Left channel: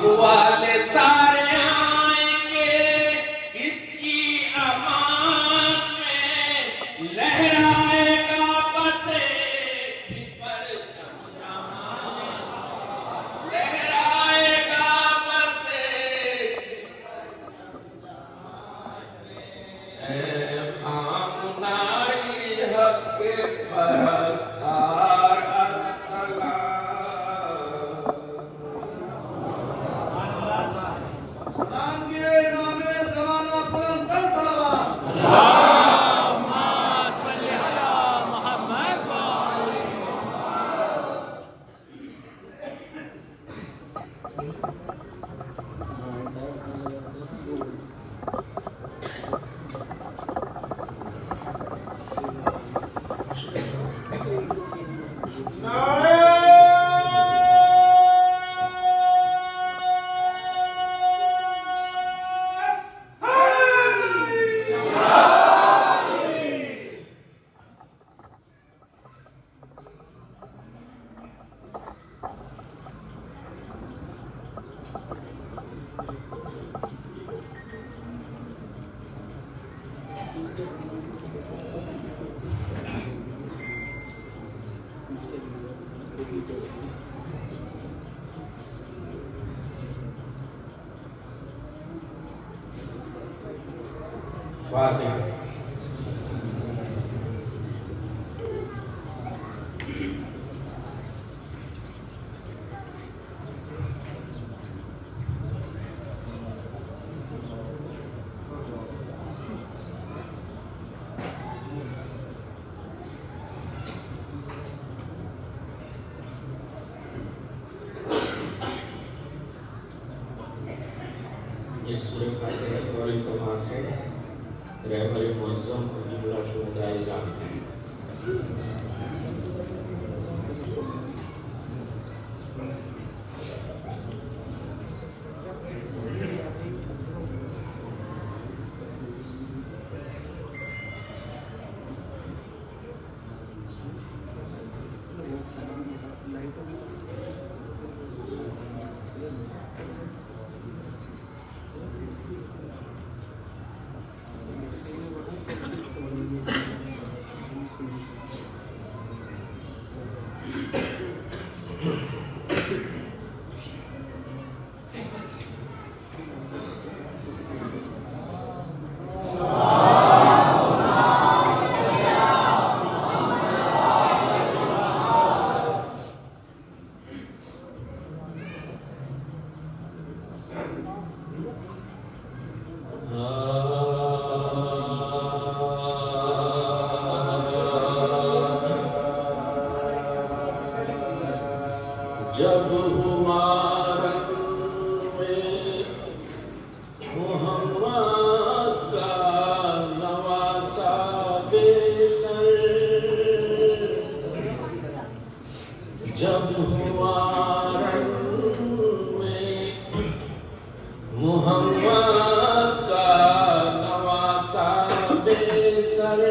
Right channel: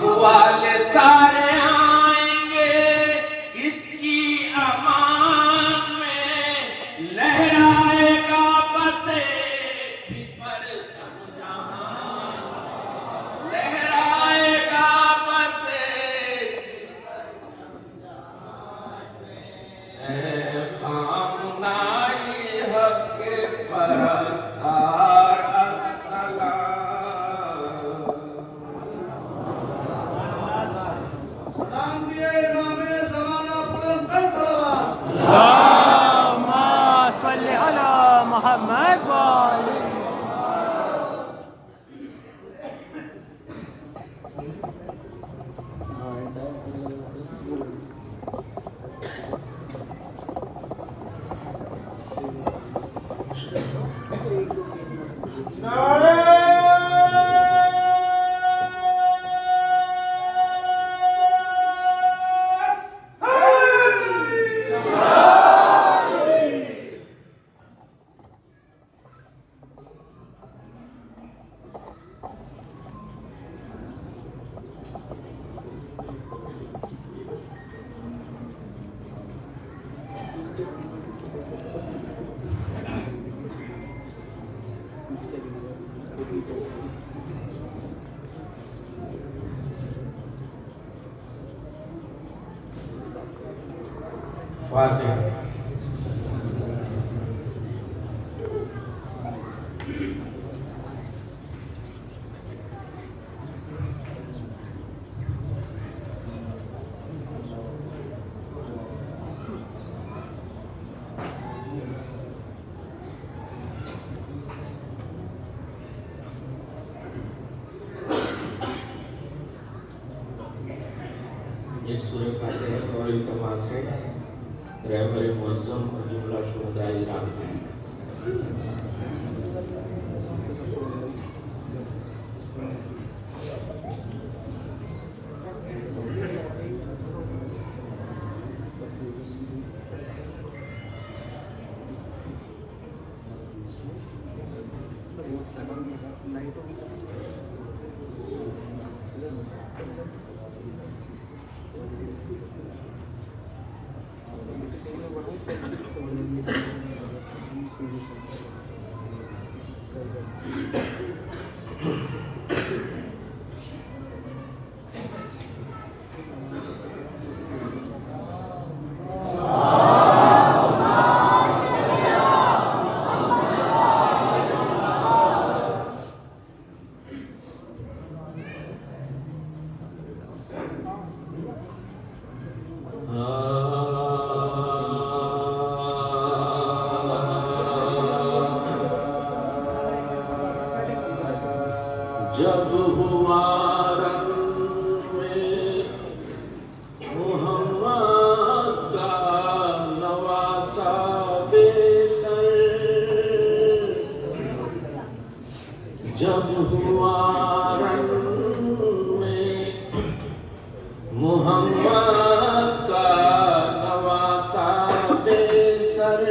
बापू वाले सारे आएंगे इसकी अमान में, लहराएगा बसे पर लहराएगा बसे खामनाई हक के परस्तार Father. ये सूरत और इल्तमा से रहबर मुअज़्ज़म को जुमला शुजाई जानते हैं। जब हुआ रंग में मोहम्मद का नवासा बेसर, जब हुआ रंग में मोहम्मद का नवासा बेसर,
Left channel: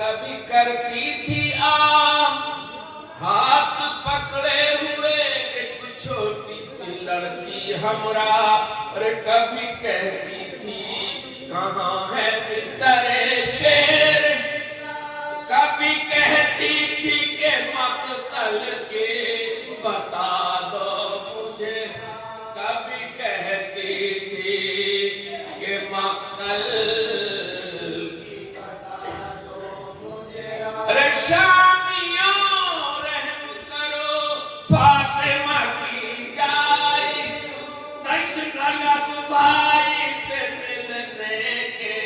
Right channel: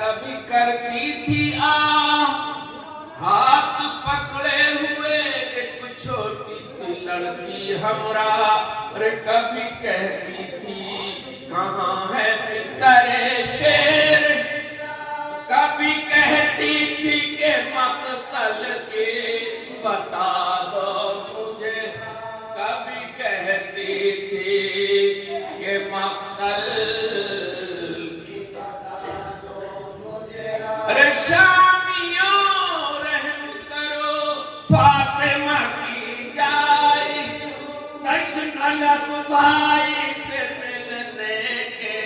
कभी करती थी हाथ पकड़े हुए एक छोटी सी लड़की हमरा, अरे कभी कहती थी कहाँ है मिसरे शेर, कभी कहती थी के मकतल के बता दो मुझे, कभी कहती थी के मकतल की बता दो मुझे, अरे शामियों रहम करो फातिमा की जाए, तश्न लब भाई से मिलने के,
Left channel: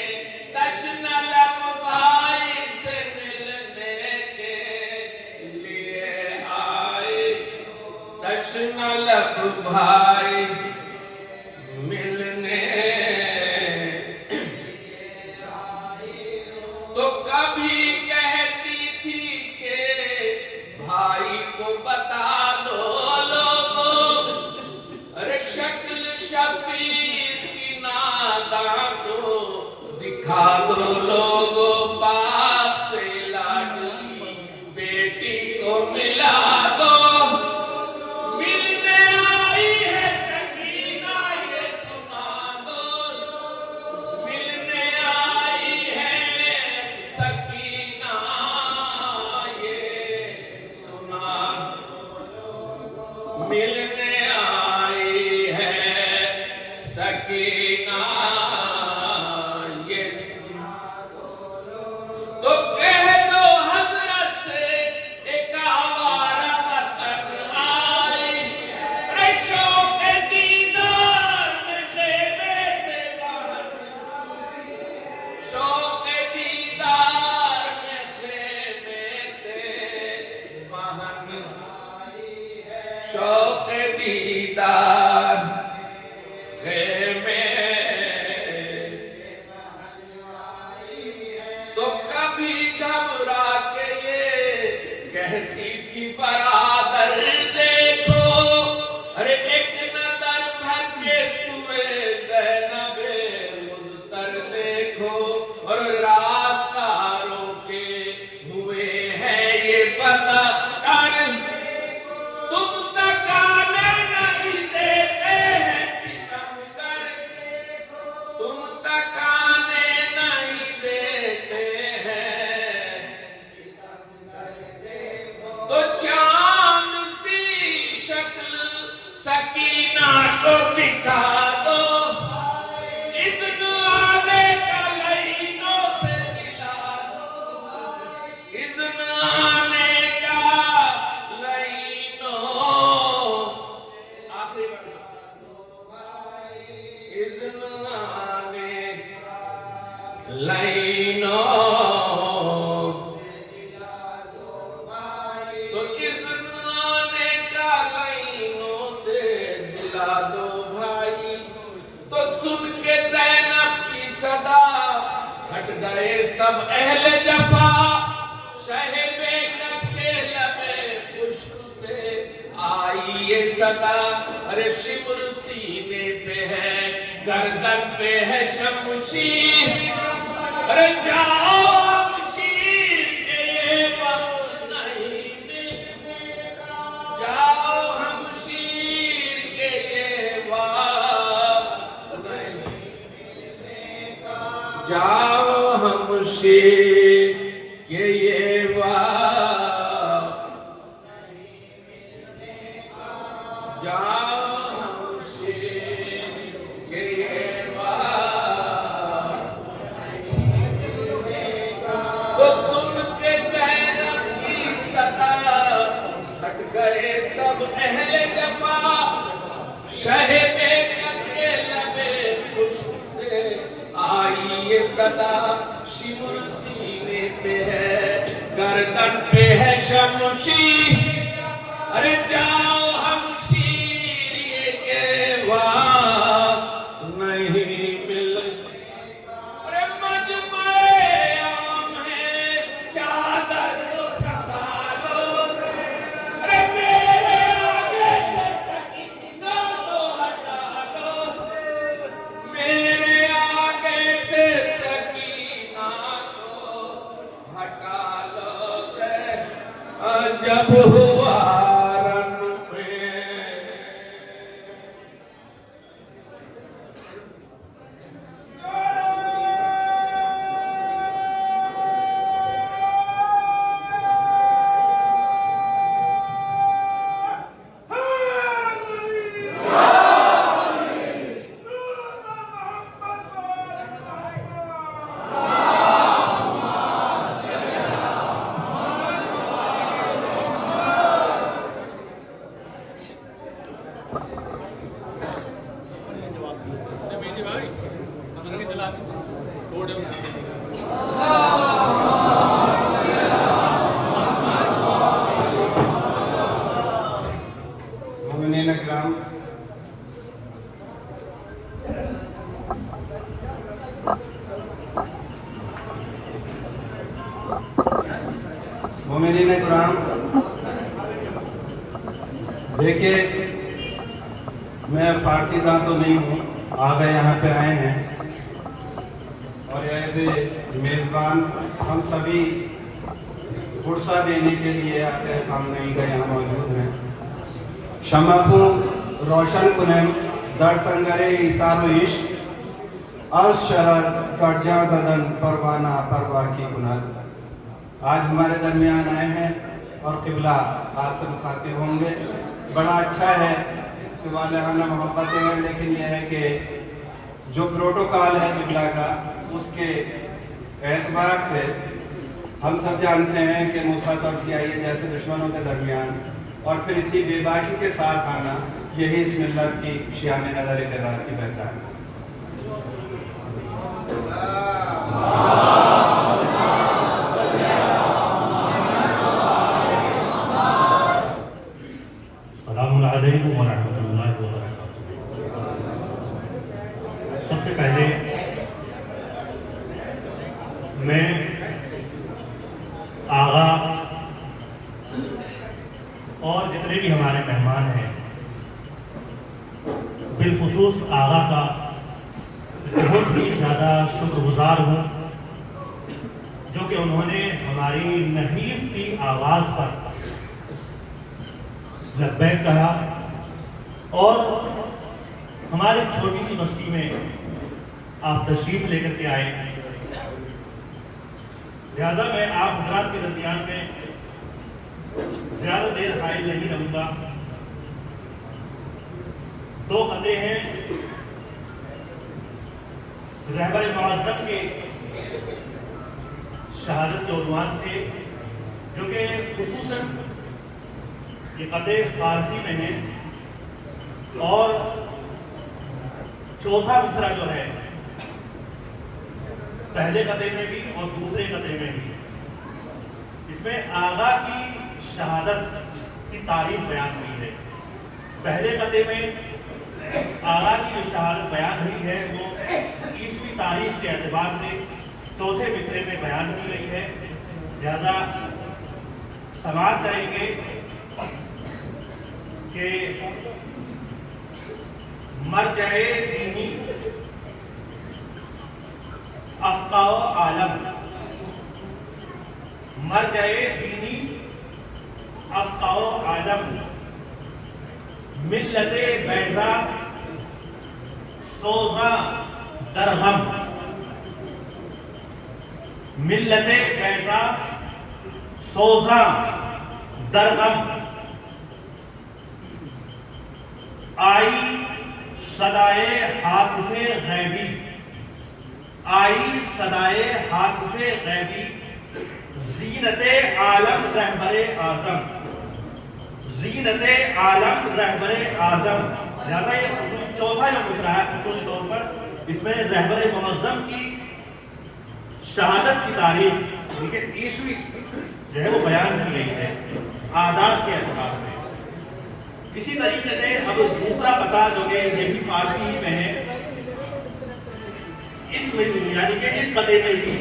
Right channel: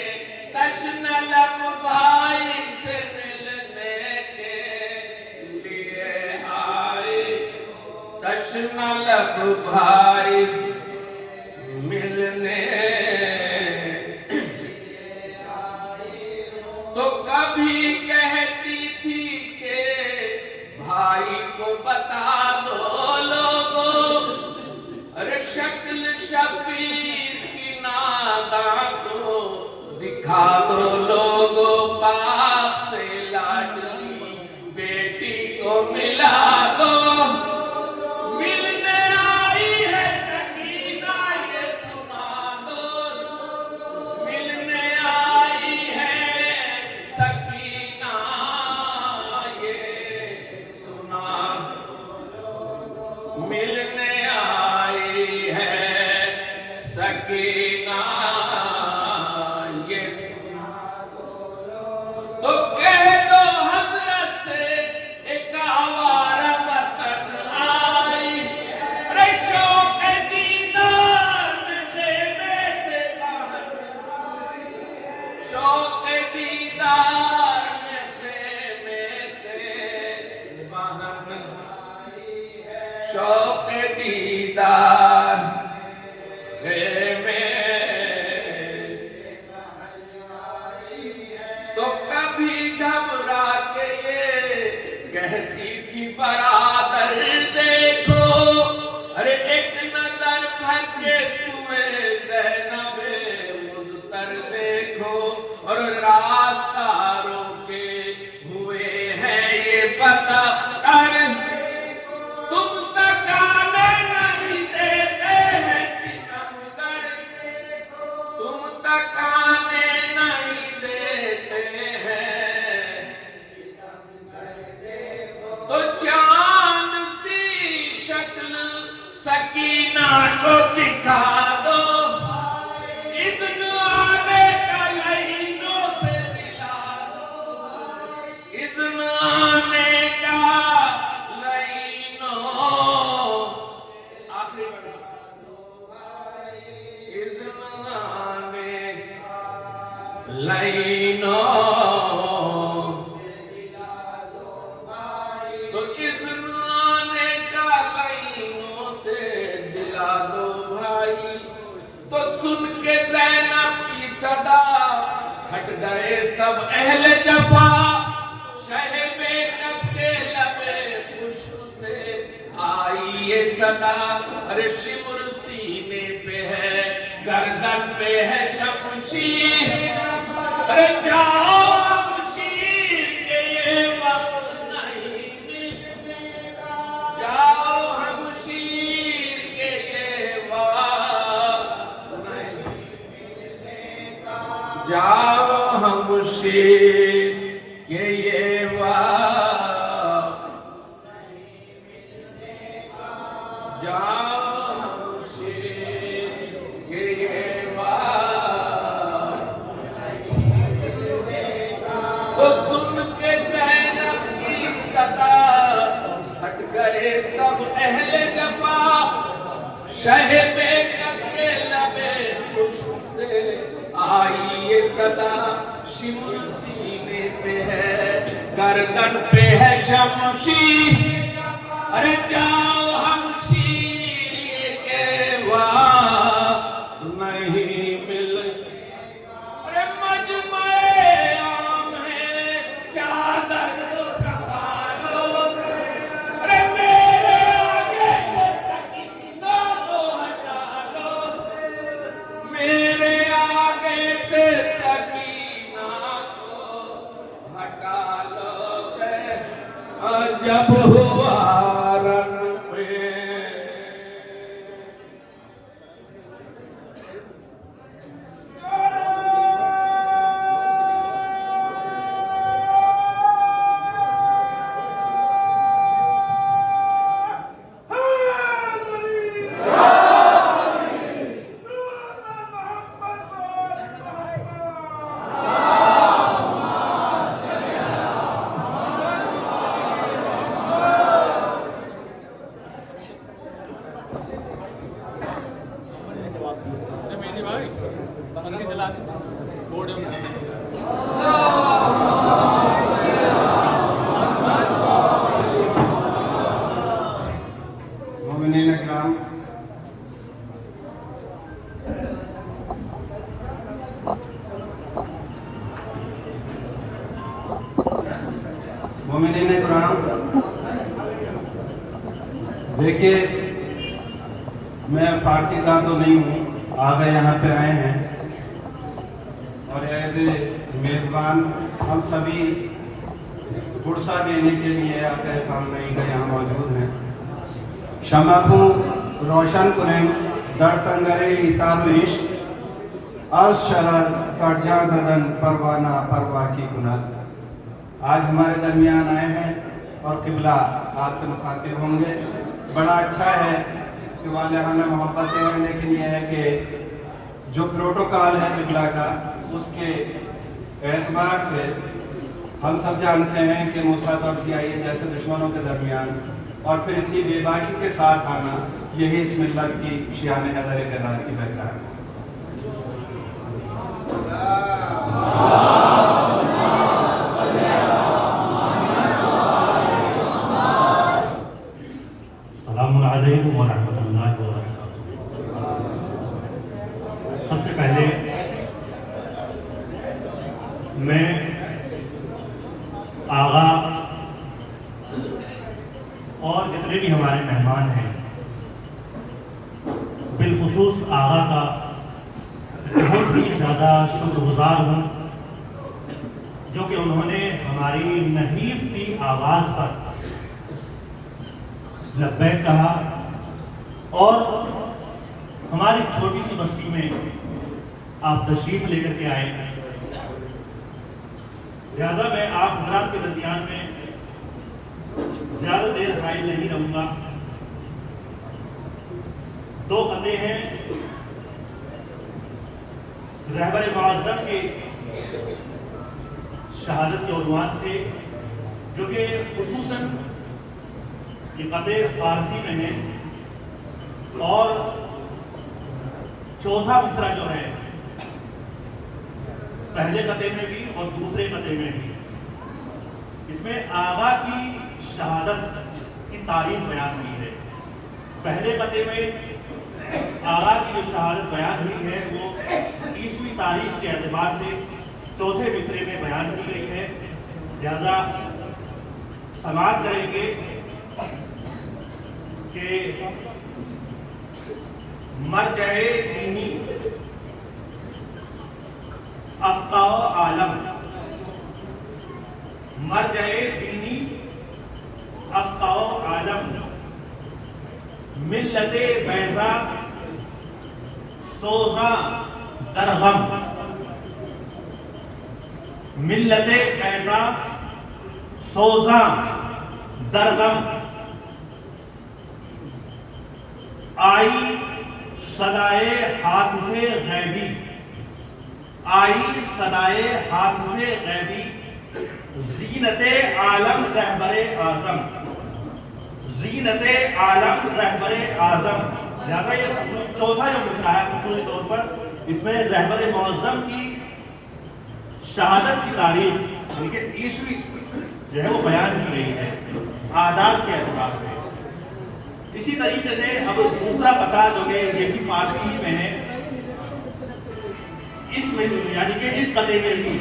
तश्न लब भाई से मिलने के लिए आए, तश्न लब भाई मिलने तो कभी कहती थी के भाई को बता दो लोगों, अरे शक्ल शबीर की नादा को दिखा दो लोगों, बाप से लाडली बेटी को मिला दो, मिलने आई है सकीना ये सुना दो, मिलने आई है सकीना ये सुना दो, मिलने आई है सकीना ये सुना दो, तो कह दो हजरत से एक आवारा वतन आई, अरे शौक दीदार नशे में से बाहर, शौक दीदार नशे में से बाहर, शौक दीदार में से, तो कभी घबरा के ये कहती थी बरादर देखो, अरे एक नजर भर के सुए ज़ैनबे मुज़्तर देखो, और रास्ता रोके हुए हैं ये बता कर, तुम तकाने नहीं देते हैं सितमगर, तुम तकाने नहीं देते हैं, तो चांद सी शक्ल सकीना को दिखा दो, इज़्न आने का लाइनों से मिला दो, इज़्न आने का लाइनों, आखिरी बरस, इज़्न आने लाइनों, तो इज़्न आने का लाइनों से दिला दो भाई, तो सुन के ज़ैनब की सदा हट गए सब अहले जफा, शहे बेकस के लबे खुश्क से आई ये सदा, अरे शिमर सीने पे है गर्दन पे है शमशीर, अरे जाओ शमशीर के ये वक्त नहीं मिलेगा, जाओ शमशीर के ये वक्त नहीं मिलेगा, जाओ शमशीर के ये वक्त नहीं मिलेगा, जाओ शमशीर के ये वक्त, तो सुन के ज़ैनब की सदा हट गए सब अहले जफा, शहे बेकस के लबे खुश्क से आई ये सदा, शिमुर सीने पे है गर्दन पे है शमशीर, अरे जाओ शमशीर ये के वक्त नहीं मिलेगा, अरे मजमए आम है चादर तो संभालो, अरे मेरे आगे से सकीना तो हटा दो, मेरे आगे से सकीना को जब हुआ रन में मोमिनीन इकराम, देखिए मैं पाकिस्तान तो नहीं हूँ, आगे यहाँ पे आए हैं और एज ए मेज़बान हम सभी गुरसा देने के लिए आपके सामने ही यहाँ मौजूद हैं। शमाखू रोशन कुरेम दर संगरे इसारो इश्क आज शहर कर्जा जदन परवाना परवा की कुनाद। आज हमारे दरमियान आए हैं और किबला आपसे मुखातिब होंगे। बड़ा अच्छा है कि वालिहाना मोहब्बत है, लेकिन यह है कि जो प्रोटोकॉल है किबला का, उसके एतबार से हम सब जानते हैं कि नुसरत और सियाई जैसे दुश्मनों के दरमियान और फिर इतनी बेबाकी के साथ आना, यही इस मिल्लत की शियाने नज़र इक़रार की पहचान है। सबसे पहले मैं आगा और जितने भी हमारे मेहमान हैं, बिलखुसूस आगा का बहुत ही ज़्यादा शुक्रगुजार हूँ, जो कि उन्होंने हमारी नहीब सी आवाज़ पर लब्बैक कहा और हमारी छोटी सी बस्ती में आप तशरीफ लेकर के आए। लिहाजा मैं आप हजरात के दरमियान में ज्यादा देर हायल नहीं रहूंगा। दो बंदे हैं रहबर मुअज़्ज़म के शहादत के उन्वान से, जो कि खुसूसन ये कदे फारसी में है और चौथा मिसरा जो है पहले कदे में भी और दूसरे कदे में भी, इसमें आगा की शहादत की तारीफ बयान हुई है। पहले कदे में आगा की जो शहादत बयान हुई है वो ईस्वी तारीख के एतबार से चौथे मिसरे में बयान की गई है। लिहाजा समाप्त करेंगे कि मरजए दीनी अफ़क़ाओ आलम, मरजए दीनी अफ़क़ाओ आलम, मिल्लते बैज़ा सोज़ा दरगम, मिल्लते बैज़ा सोज़ा दरगम, आई सदाए हातिफ़े गैबी, आई सदाए हातिफ़े गैबी, ज़ीनते आलम रहबरे आज़म, ज़ीनते आलम रहबरे आज़म। लिहाजा ये चौथा जो मिसरा है उसूली तौर पर, इसमें रहबरे मुअज़्ज़म की शहादत की तारीख उनके ईस्वी जो है वो बयान की गई है आदाब के एतबार से। इसी तरीके से अब दूसरा पता जो कि ये भी फारसी में है, इस यानी कि इस कदे में ही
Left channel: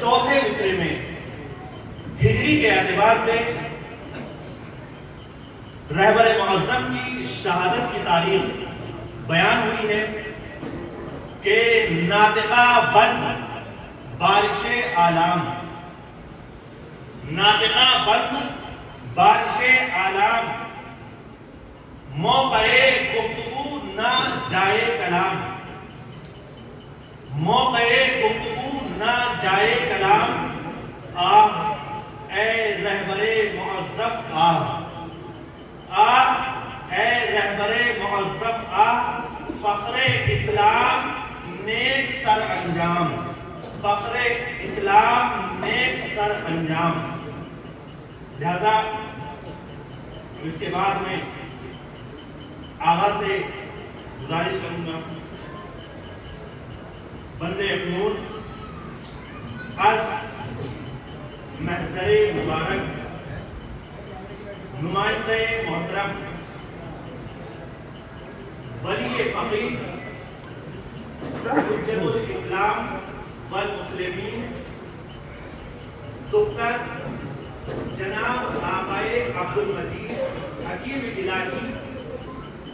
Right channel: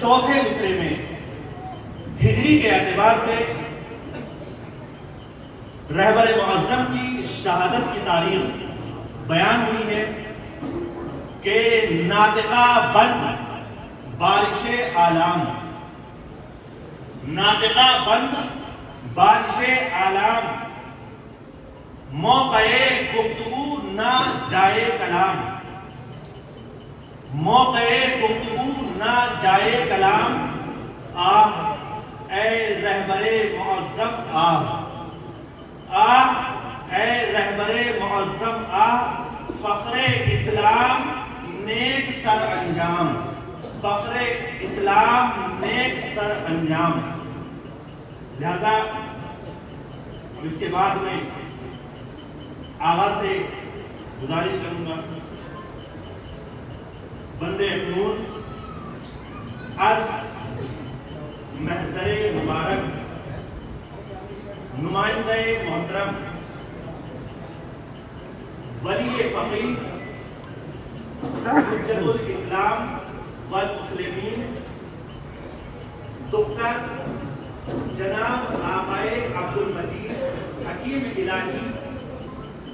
चौथे मिसरे में हिजरी के एतबार से रहबर मुअज़्ज़म की शहादत की तारीख बयान हुई है कि नातिका बंद बारिश आलाम, नातिका बंद बारिश आलाम, मौक़े गुफ्तगू ना जाए कलाम, मौक़े गुफ्तगू ना जाए कलाम, आ ए रहबरे मुअज़्ज़म आ, ए रहबरे मुअज़्ज़म आ, फ़ख्रे इस्लाम नेक सर अंजाम, फ़ख्रे इस्लाम नेक सर अंजाम। लिहाजा इसके बाद में आवाज से गुजारिश करूंगा, बंदे क़ुनून आज महज़रे मुबारक नुमाइंदे मोहतरम वली फ़क़ीह हुज्जतुल इस्लाम वल मुस्लिमीन डॉक्टर जनाब आक़ाए अब्दुल मजीद हकीम इलाही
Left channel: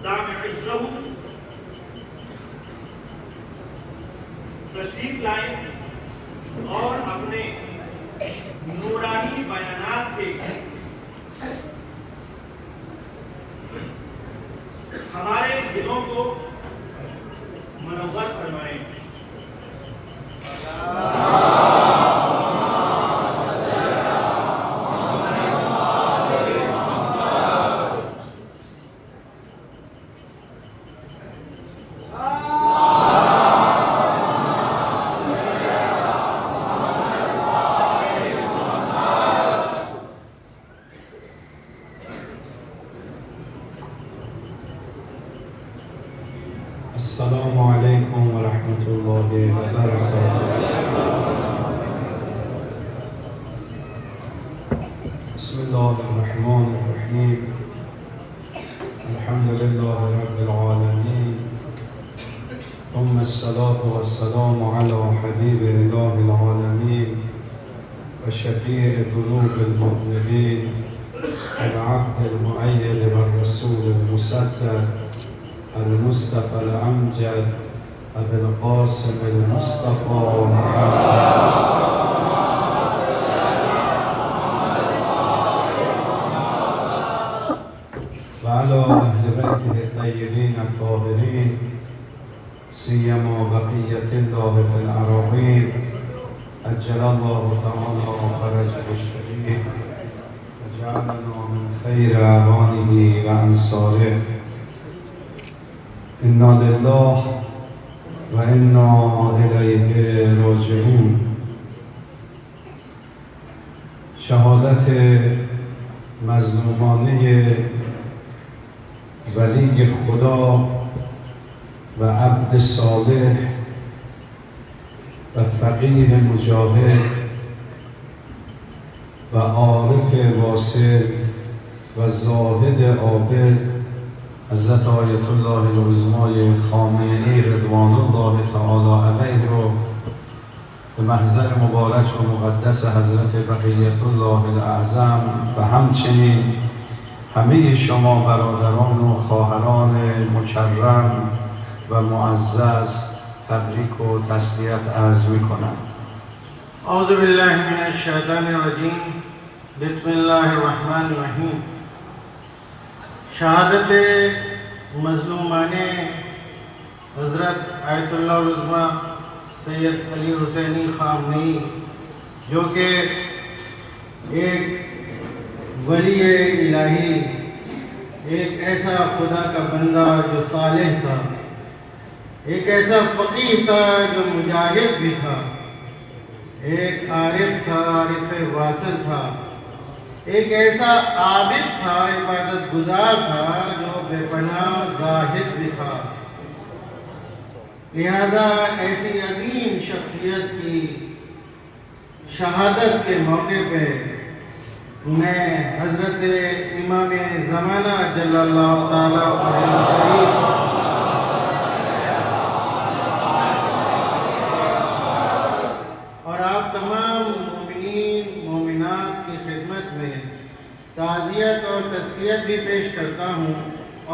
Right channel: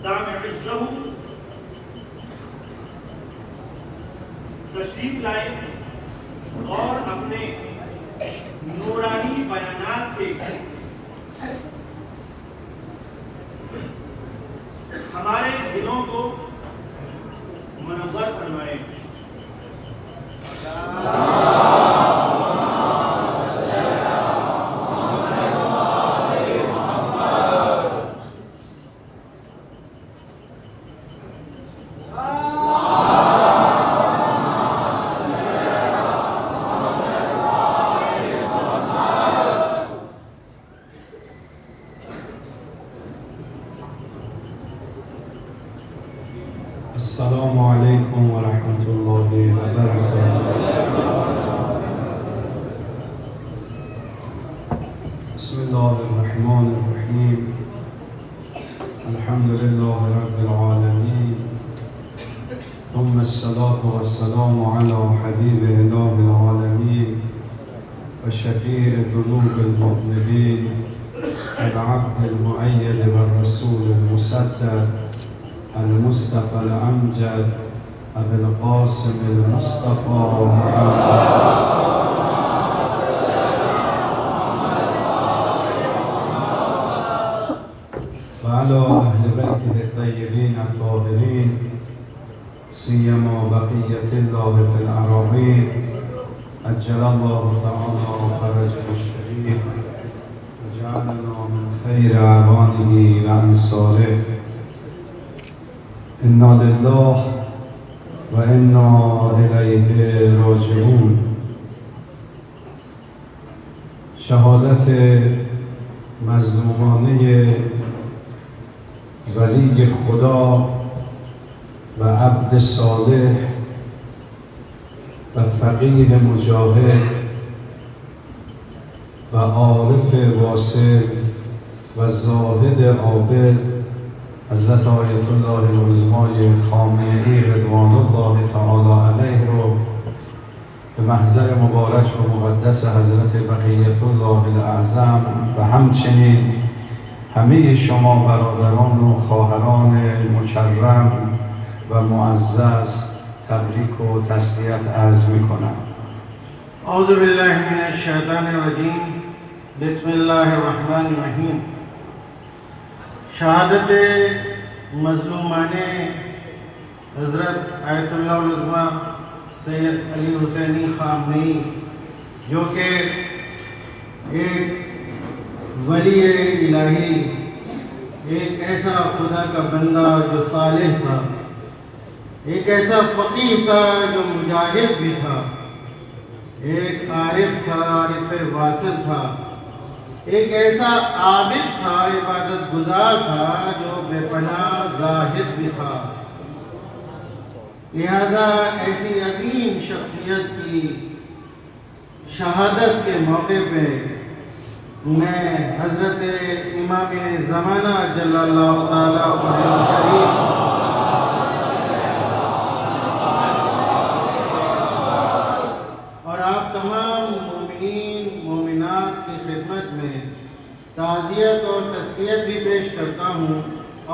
दाम-ए-इज़्ज़हू तशरीफ लाए और अपने नूरानी बयानात से हमारे दिलों को मुनव्वर फरमाए। अस्सलामु अलैकुम व रहमतुल्लाहि व बरकातुहू। बिस्मिल्लाहिर्रहमानिर्रहीम। अल्हम्दुलिल्लाहि रब्बिल आलमीन। थुम्मा अस्सलातु वस्सलामु अला हबीबिल आलमीन व शफीइ ज़ुनूबिल मुज़निबीन वल अब्दिल मुअय्यद वर रसूलिल मुसद्दक़ المصطفى الأمجد أبي القاسم المصطفى وعلى أهل بيته الطيبين الطاهرين سيما بقية الله في الأراضين أجل الله تعالى فرجه الشريف وجعلنا من خير أعوانه وأنصاره. إنا لله وإنا إليه راجعون. شهادت مظلومانه ولی خدا و عبد صالح و فقیه مجاهد و عارف واصل و زاهد عابد حضرت آیت الله العظمای خامنه‌ای رضوان الله تعالی علیه رو به محضر مبارک و مقدس حضرت بقیت الله الاعظم و همچنین همه شما برادران و خواهران مکرم و معزز تبریک و تسلیت عرض میکنم. اعوذ بالله من الشیطان الرجیم. بسم الله الرحمن الرحیم. शहादत मज़लूमाने हज़रत आयतुल्लाह उज़्मा सैयद अली हुसैनी ख़ामनेई जो कि एक वली इलाही, एक ऐसा खुदा का बंदा जो सालिह था, एक ऐसा फ़क़ीह था जो मुजाहिद भी था, एक आरिफ था, आरिफ वासिल था, एक ऐसा आबिद था, इबादत गुजार था जो बेपनाह ज़ाहिद भी था। लिहाजा ऐसी अजीम शख्सियत की शहादत के मौके पे मैं हज़रत इमाम ज़माना जल्लल्लाहु ताला वजहहु शरीफ और आप तमाम मोमिनीन मोमिनात की खिदमत में ताज़ियत और तस्लियत भी पेश करता हूँ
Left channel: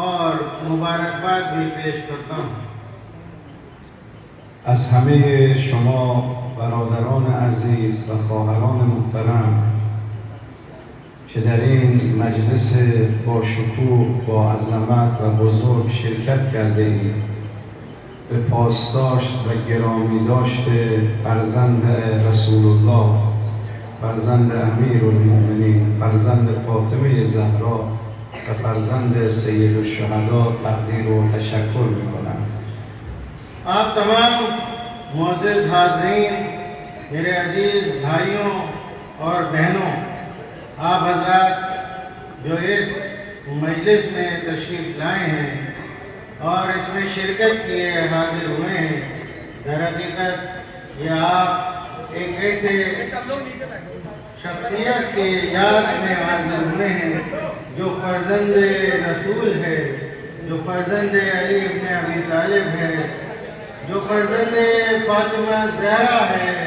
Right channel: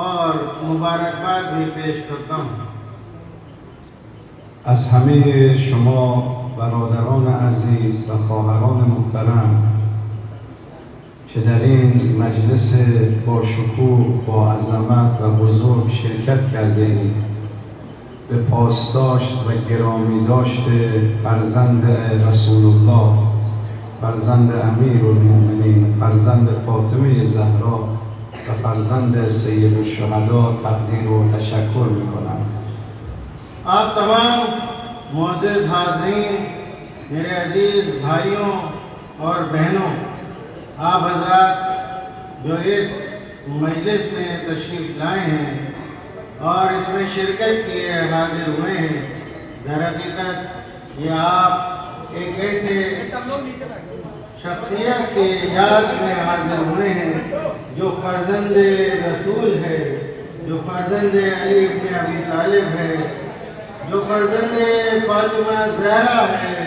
और मुबारकबाद भी पेश करता हूँ। از همه شما برادران عزیز و خواهران محترم که در این مجلس با شکوه، با عظمت و بزرگ شرکت کرده اید، به پاسداشت و گرامی داشته فرزند رسول الله، فرزند امیرالمؤمنین، فرزند فاطمه زهرا و فرزند سید الشهدا تقدیر و تشکر میکنم. आप तमाम मुअज़्ज़िज़ हाज़रीन, मेरे अजीज़ भाइयों और बहनों, आप हज़रात जो इस मजलिस में तशरीफ़ लाए हैं और इसमें शिरकत किए हाजिर हुए हैं, दर हकीकत ये आप एक ऐसे शख्सियत की याद में हाजिर हुए हैं जो फ़र्जंद रसूल है, जो फ़र्जंद अली इब्न अबी तालिब है, जो फ़र्जंद फ़ातिमा ज़हरा है,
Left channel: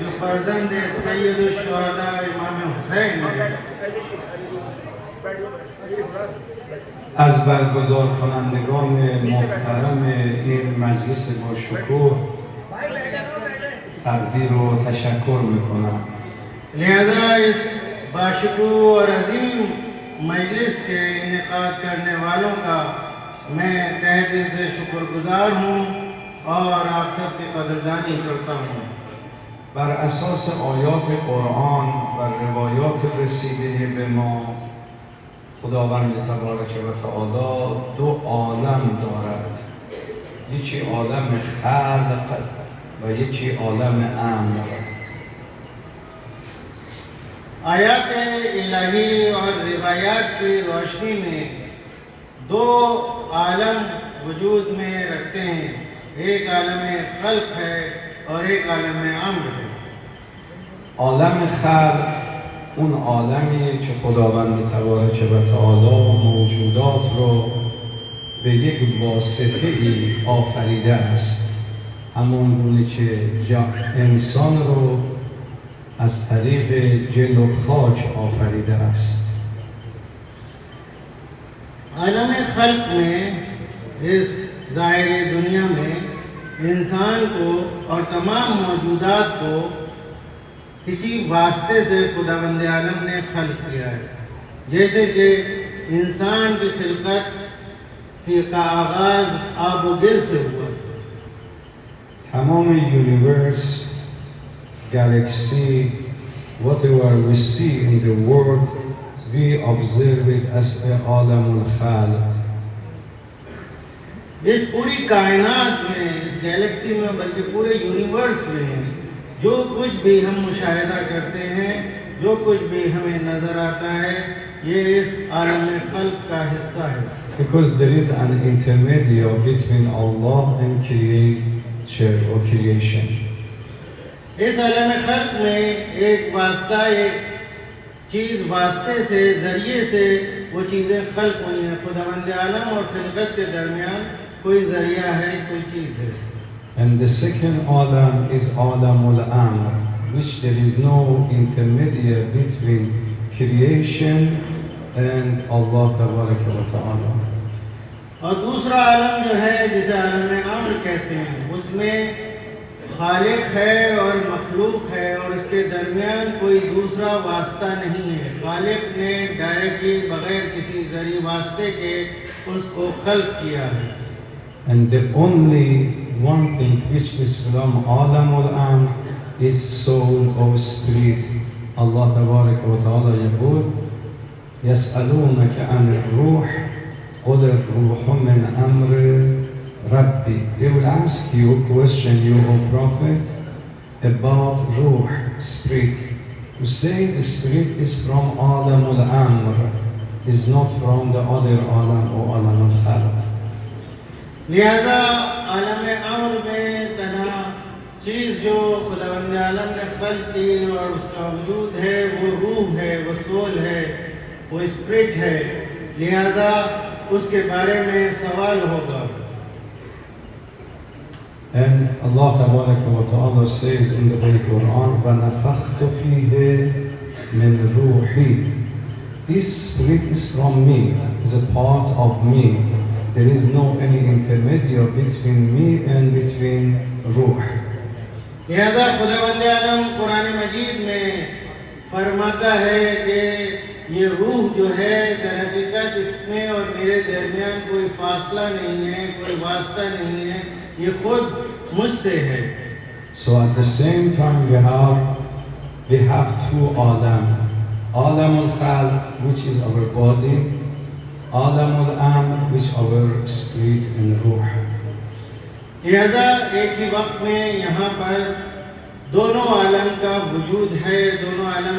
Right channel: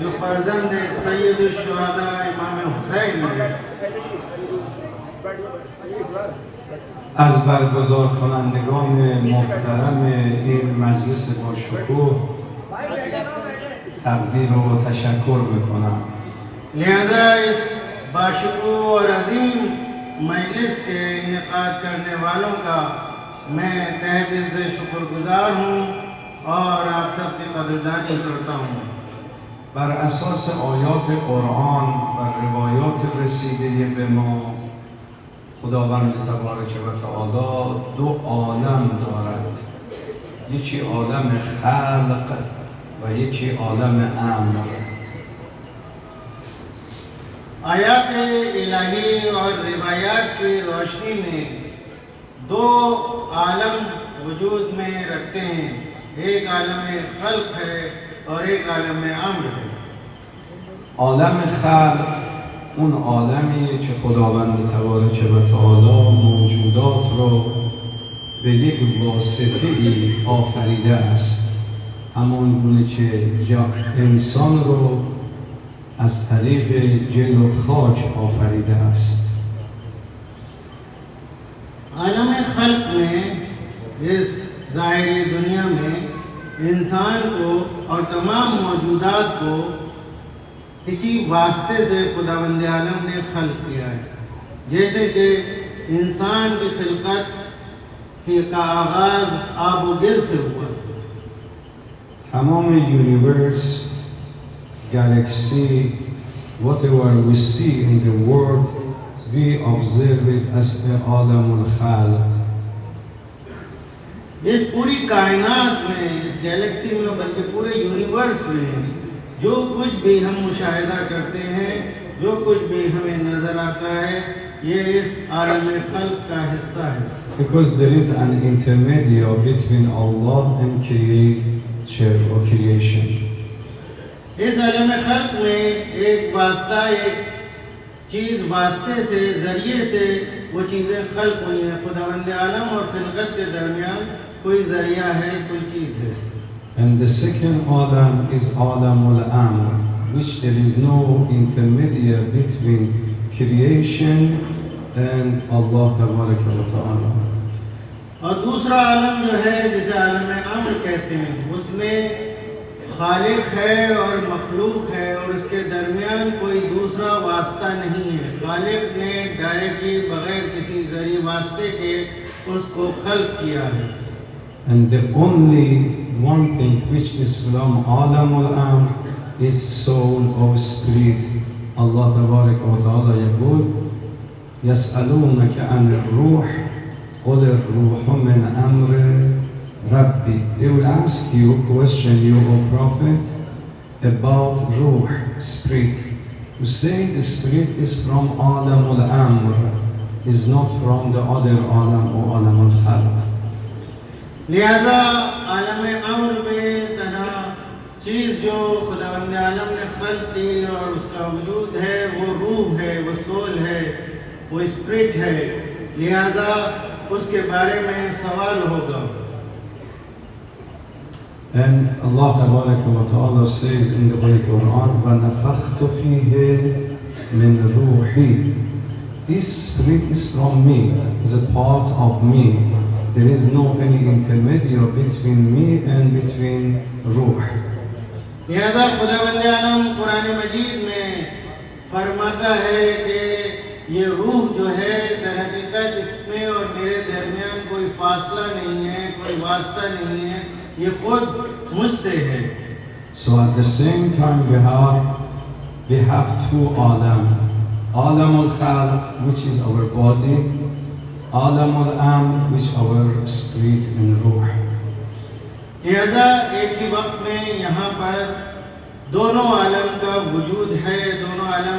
जो फ़र्जंद सैयद शुहदा इमाम हुसैन है। از برگزار کنندگان محترم این مجلس با شکوه تقدیر و تشکر میکنم. लिहाजा इस बाशुकूर और अजीम मजलिस के इनेकाद करने वालों का मैं तहे दिल से शुक्रगुजार हूँ और आप सबकी कदरदानी करता हूँ। بر اساس آیات قرآن و روایات رسیده به ما، خداوند تبارک و تعالی دو عالم دارد، یکی عالم خلق و یکی عالم امر. आयात इलाही और रिवायात की रोशनी में दो आलम वजूद में रखते हैं, एक आलम खल्क है और एक आलम अम्र है। عالم خلق اون عالمیه که خداوند تبارک و تعالی موجودات رو به یک واسطه ای آفریده است، همان گونه که انسان رو از طریق جل و خاک آفریده است. आलम खल्क में, इस ज़ाहिरी दुनिया में इंसान को और तमाम मौजूदात को किसी वास्ते से खुदावंद आलम ने खल्क किया है। जैसे कि इंसान की खिलकत का आगाज़ आब व गिल से हुआ। تمام universe, galaxy, whatever we see in the world, we observe it as a عالم الخلق. इस पूरी कायनात में, इस गैलेक्सी में, बल्कि पूरे यूनिवर्स में जो कुछ भी हम मुशाहिदा करते हैं, जो कुछ भी हमें नज़र आता है, ये इस आलम खल्क का हिस्सा है। Because there is an intermediary between Allah and creature or creation. इस आलम खल्क में एक वास्ता, एक चीज़ वास्ते से, ज़रिए से वो चीज़ें खल्क हुई हैं। खुदावंद आलम और खिलकत के दरमियान कोई ज़रिया है, कोई चीज़ है। And the second Adam is Adam al-Amr, which there is no intermediary between creation and Allah Tabaraka wa Ta'ala. और दूसरा आलम जो है, जिसे आलम अम्र कहते हैं, उसमें खालिक है और मखलूक है और इसके दरमियान कोई दूसरा वास्ता नहीं है। खालिक ने डायरेक्टली बगैर किसी ज़रिए वास्ते के उसको खल्क किया है। And the only one thing which is from Adam al-Amr is soul or spirit. Allah Tabaraka wa Ta'ala يقول يسألونك عن الروح قل الروح من أمر ربي. They will ask you, question you, O Prophet, about Ruh, spirit. You say the spirit is from Adam al-Amr, is not from the other Alam or Alam al-Khalq. लिहाजा आलम अम्र में तना चीज़ जो खुदावंद आलम ने खल्क की और उसका वजूद है, वो रूह है, वो सोल है, वो स्पिरिट है। लिहाजा उसके बारे में सवाल होगा। And Allah Ta'ala says in the Holy Quran, وَنَفَخْتُ فِيهِ مِنْ رُوحِي. This spirit is from me, is a part of me. There is no any intermediary between me and between Ruh. लिहाजा खुदावंद आलम कुरान मजीद में फरमाता है कि ये रूह जो है दर हकीकत इसमें और मेरे दरमियान कोई फासला नहीं है, कोई वास्ता नहीं है, ये खुद मुझसे है। So at the same time we have two alam. Alam al-khalq, which is our body, alam al-amr, which our spirit and ruh. लिहाजा एक ही वक्त में यहाँ पर दोनों आलम का वजूद है। दोनों आलम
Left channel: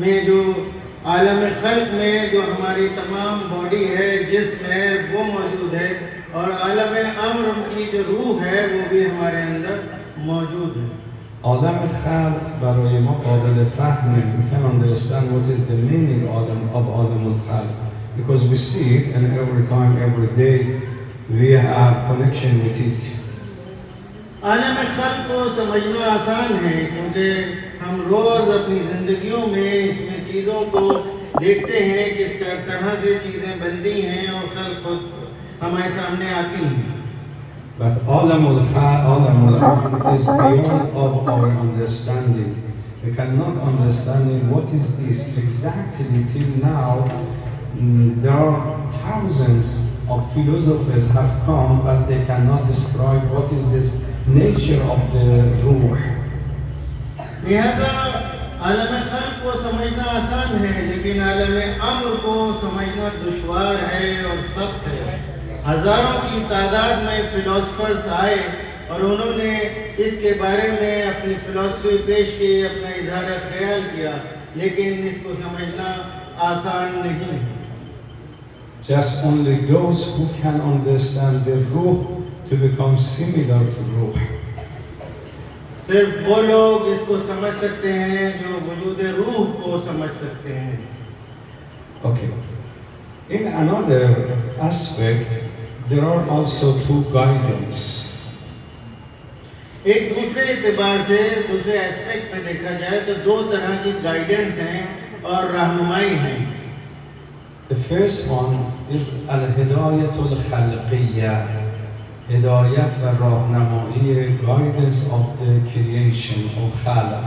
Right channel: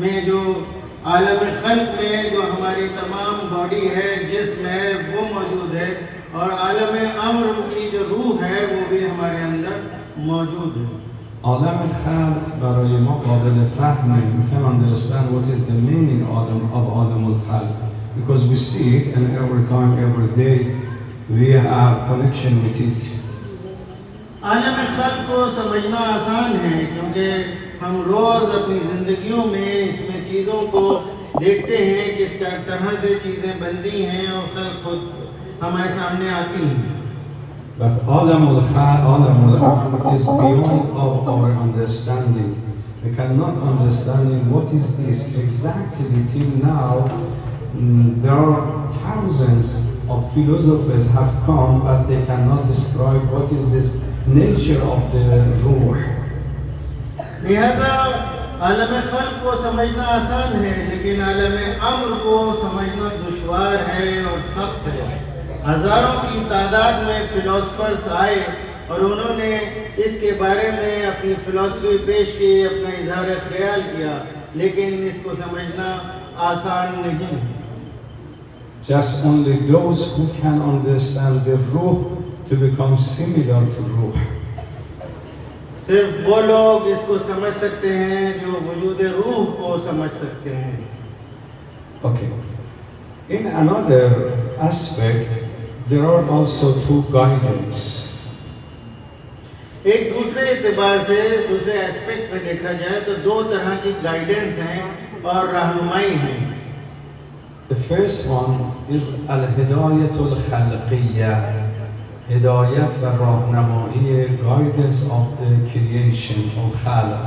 में जो आलम खल्क में जो हमारी तमाम बॉडी है, जिस्म है, वो मौजूद है, और आलम अम्र की जो रूह है वो भी हमारे अंदर मौजूद है। Alam al-khalq برای ما قابل فهمه. We can understand what is the meaning of alam al-khalq because we see it, and every time, every day we have connection with it. आलम खल्क को समझना आसान है क्योंकि हम रोज़ अपनी ज़िंदगियों में इसमें चीज़ों को देखते हैं, किस तरह से चीज़ें बनती हैं और खल्क खुद हमारे सामने आती हैं। But alam al-khalq is beyond of our understanding. We cannot understand what is this exactly till now. There are thousands of philosophers have come, but they cannot describe what is this nature of the ruh. लिहाजा आलम खल्क को समझना आसान है, लेकिन आलम अम्र को समझना दुश्वार है और सख्त है। हजारों की तादाद में फिलोसफर्स आए और उन्होंने इसके बारे में अपनी फिलोसफी पेश की, अपना इजहार ख्याल किया, लेकिन इसको समझना आसान नहीं है। Just only those who can understand the ruh to become similar to ruh. सिर्फ वो लोग इसको समझ सकते हैं जो वजूद रूह को समझ सकते हैं। Okay. In another aspect, there are also two guidance. एक दूसरे एतबार से, दूसरे एस्पेक्ट में देखा जाए तो दो तरह की गाइडेंस हैं और रहनुमाई हैं। The first one is al-hidayatul khalqiyya, hidayat wa rahnamai, guidance of the creation of khalq.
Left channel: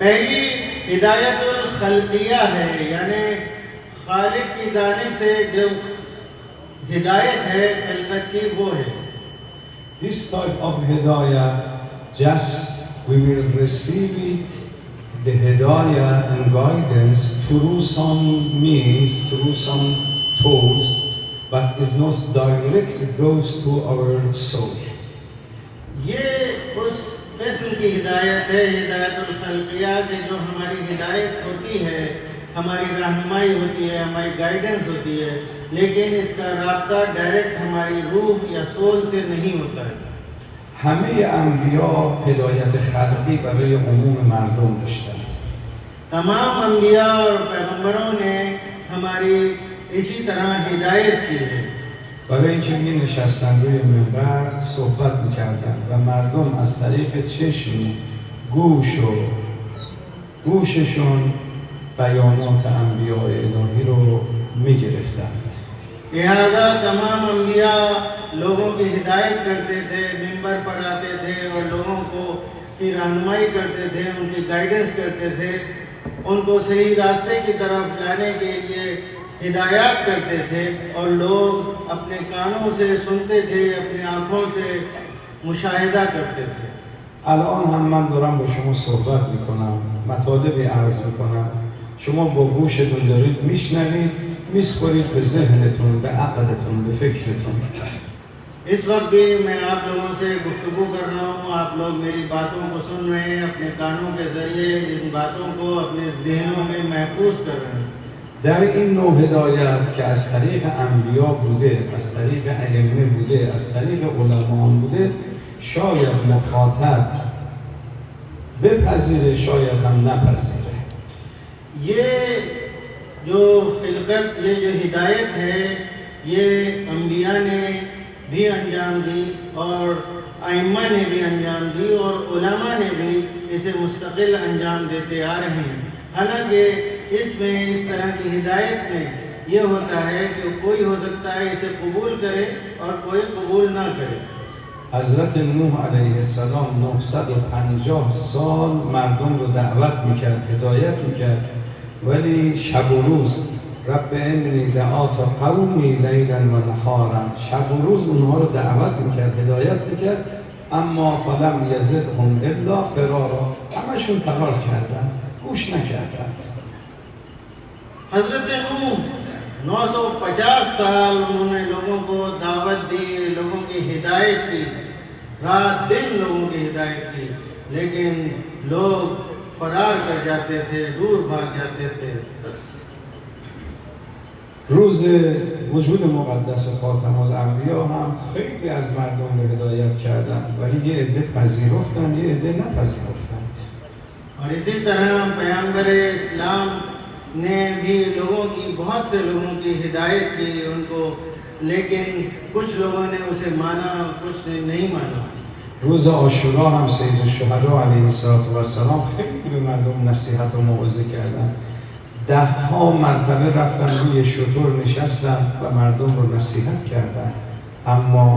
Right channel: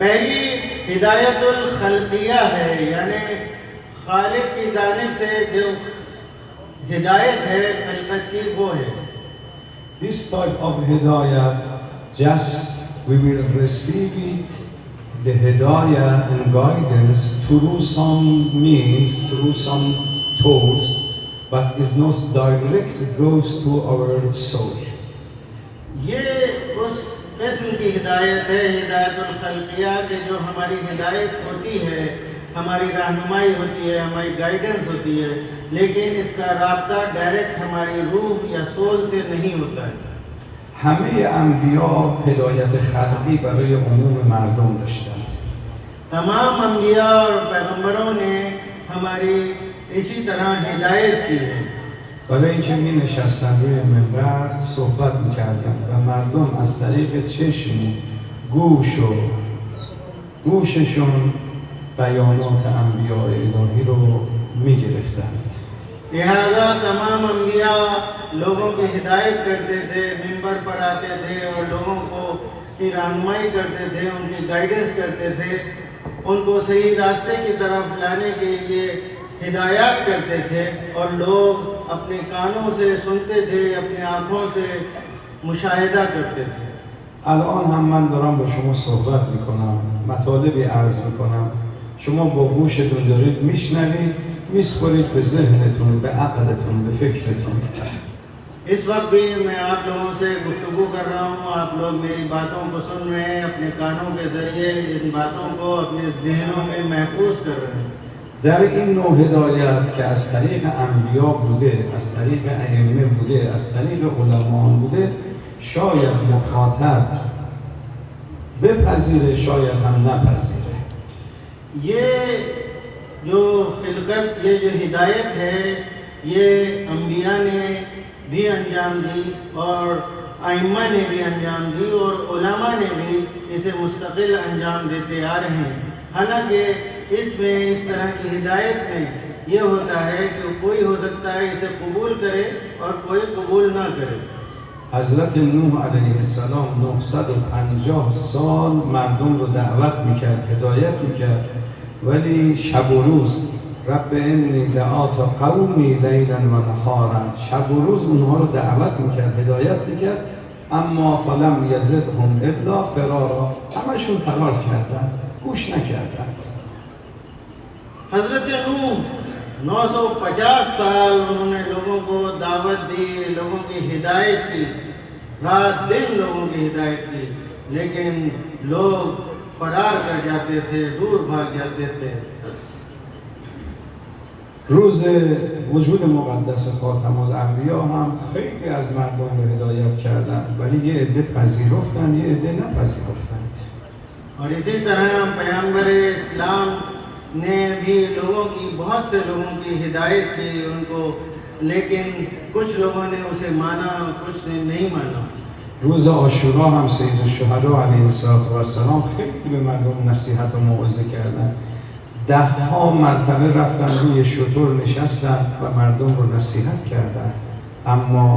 पहली हिदायतुल खल्किया है, यानी खालिक की जानिब से जो हिदायत है खल्कत की वो है। This type of hidayat, just we will receive it, the hidayah and guidance through some means, through some tools, but is not direct, it goes to our soul. ये उस किस्म की हिदायत है, हिदायतुल खल्किया, कि जो हमारी हिदायत होती है, हमारी रहनुमाई होती है, हमारी गाइडेंस होती है, लेकिन इसका राब्ता डायरेक्ट हमारी रूह या सोल से नहीं होता है। همه انبیا هدایت خلقی برای عموم مردم داشتند. तमाम अंबिया और पैगंबरों ने हमारी इसी तरह हिदायत की है। برای اینکه می نشستن روی منبر صحبت میکردن و مردم از طریق چشم گوششون بیانات انبیاء الهی رو میگرفتند. लिहाजा तमाम अंबिया लोगों की हिदायत करते थे, मिंबर पर आते थे और लोगों को की रहनुमाई करते थे, उनकी गाइडेंस करते थे, उनको सही रास्ते की तरफ लाने के लिए हिदायत करते थे, और लोग अपने कानों से सुनते थे, अपने आँखों से मुशाहिदा करते थे। الان هم من دارم با شما صحبت میکنم، مطالبی عرض میکنم، شما با گوشتون دارید میشنوید، میسپارید به ذهنتون، به عقلتون، به فکرتون. इस वक्त भी मैं आप लोगों से गुफ्तगू कर रहा हूँ, आप लोग मेरी बातों को सुन रहे हैं, अपने कानों के जरिए इन बातों को अपने जहनों में महफूज कर रहे हैं। در این نوع هدایت که از طریق انبیا بوده، از طریق ائمه بوده، از طریق علما بوده، شاید مخاطب بپذیره، شاید هم نپذیره. ये जो खिलकत, ये जो हिदायत है, ये अंबिया ने भी अंजाम दी और आइम्मा ने भी अंजाम दी और उलमा ने भी इसे मुस्तकिल अंजाम देते आ रहे हैं। हालांकि इसमें इस तरह की हिदायत में ये होता है कि कोई हो सकता है इसे कबूल करे और कोई कबूल ना करे। حضرت نوح علیه السلام 950 سال مردم رو دعوت میکرد، هدایت میکرد، ولی شب و روز رب انی دعات قومی لیلا و نهارا، شب و روز اونها رو دعوت میکرد، هدایت میکرد، اما فلم یزدهم الا فرارا، همشون فرار کردن، گوش نکردن. हजरत नूह 950 साल उन्होंने लोगों को दावत दी, लोगों की हिदायत की, रात दिन लोगों की हिदायत की, लेकिन लोग फरार कर जाते थे, दूर भाग जाते थे. روز وجود مقدس خاتم الانبیا هم خیلی از مردم رو هدایت کردن، ولی یه عده پذیرفتن، یه عده نپذیرفتند. और इसी तरह पैगंबर इस्लाम ने भी लोगों की, बहुत से लोगों की हिदायत की उनको, लेकिन कुछ लोगों ने उसे माना, कुछ ने नहीं माना. روز عاشورا هم سید الشهدا علیه السلام خیلی به مردم نصیحت و موعظه کردن. 10 مرتبه رفتن روی شتر نشستن و مردم رو نصیحت کردن، اما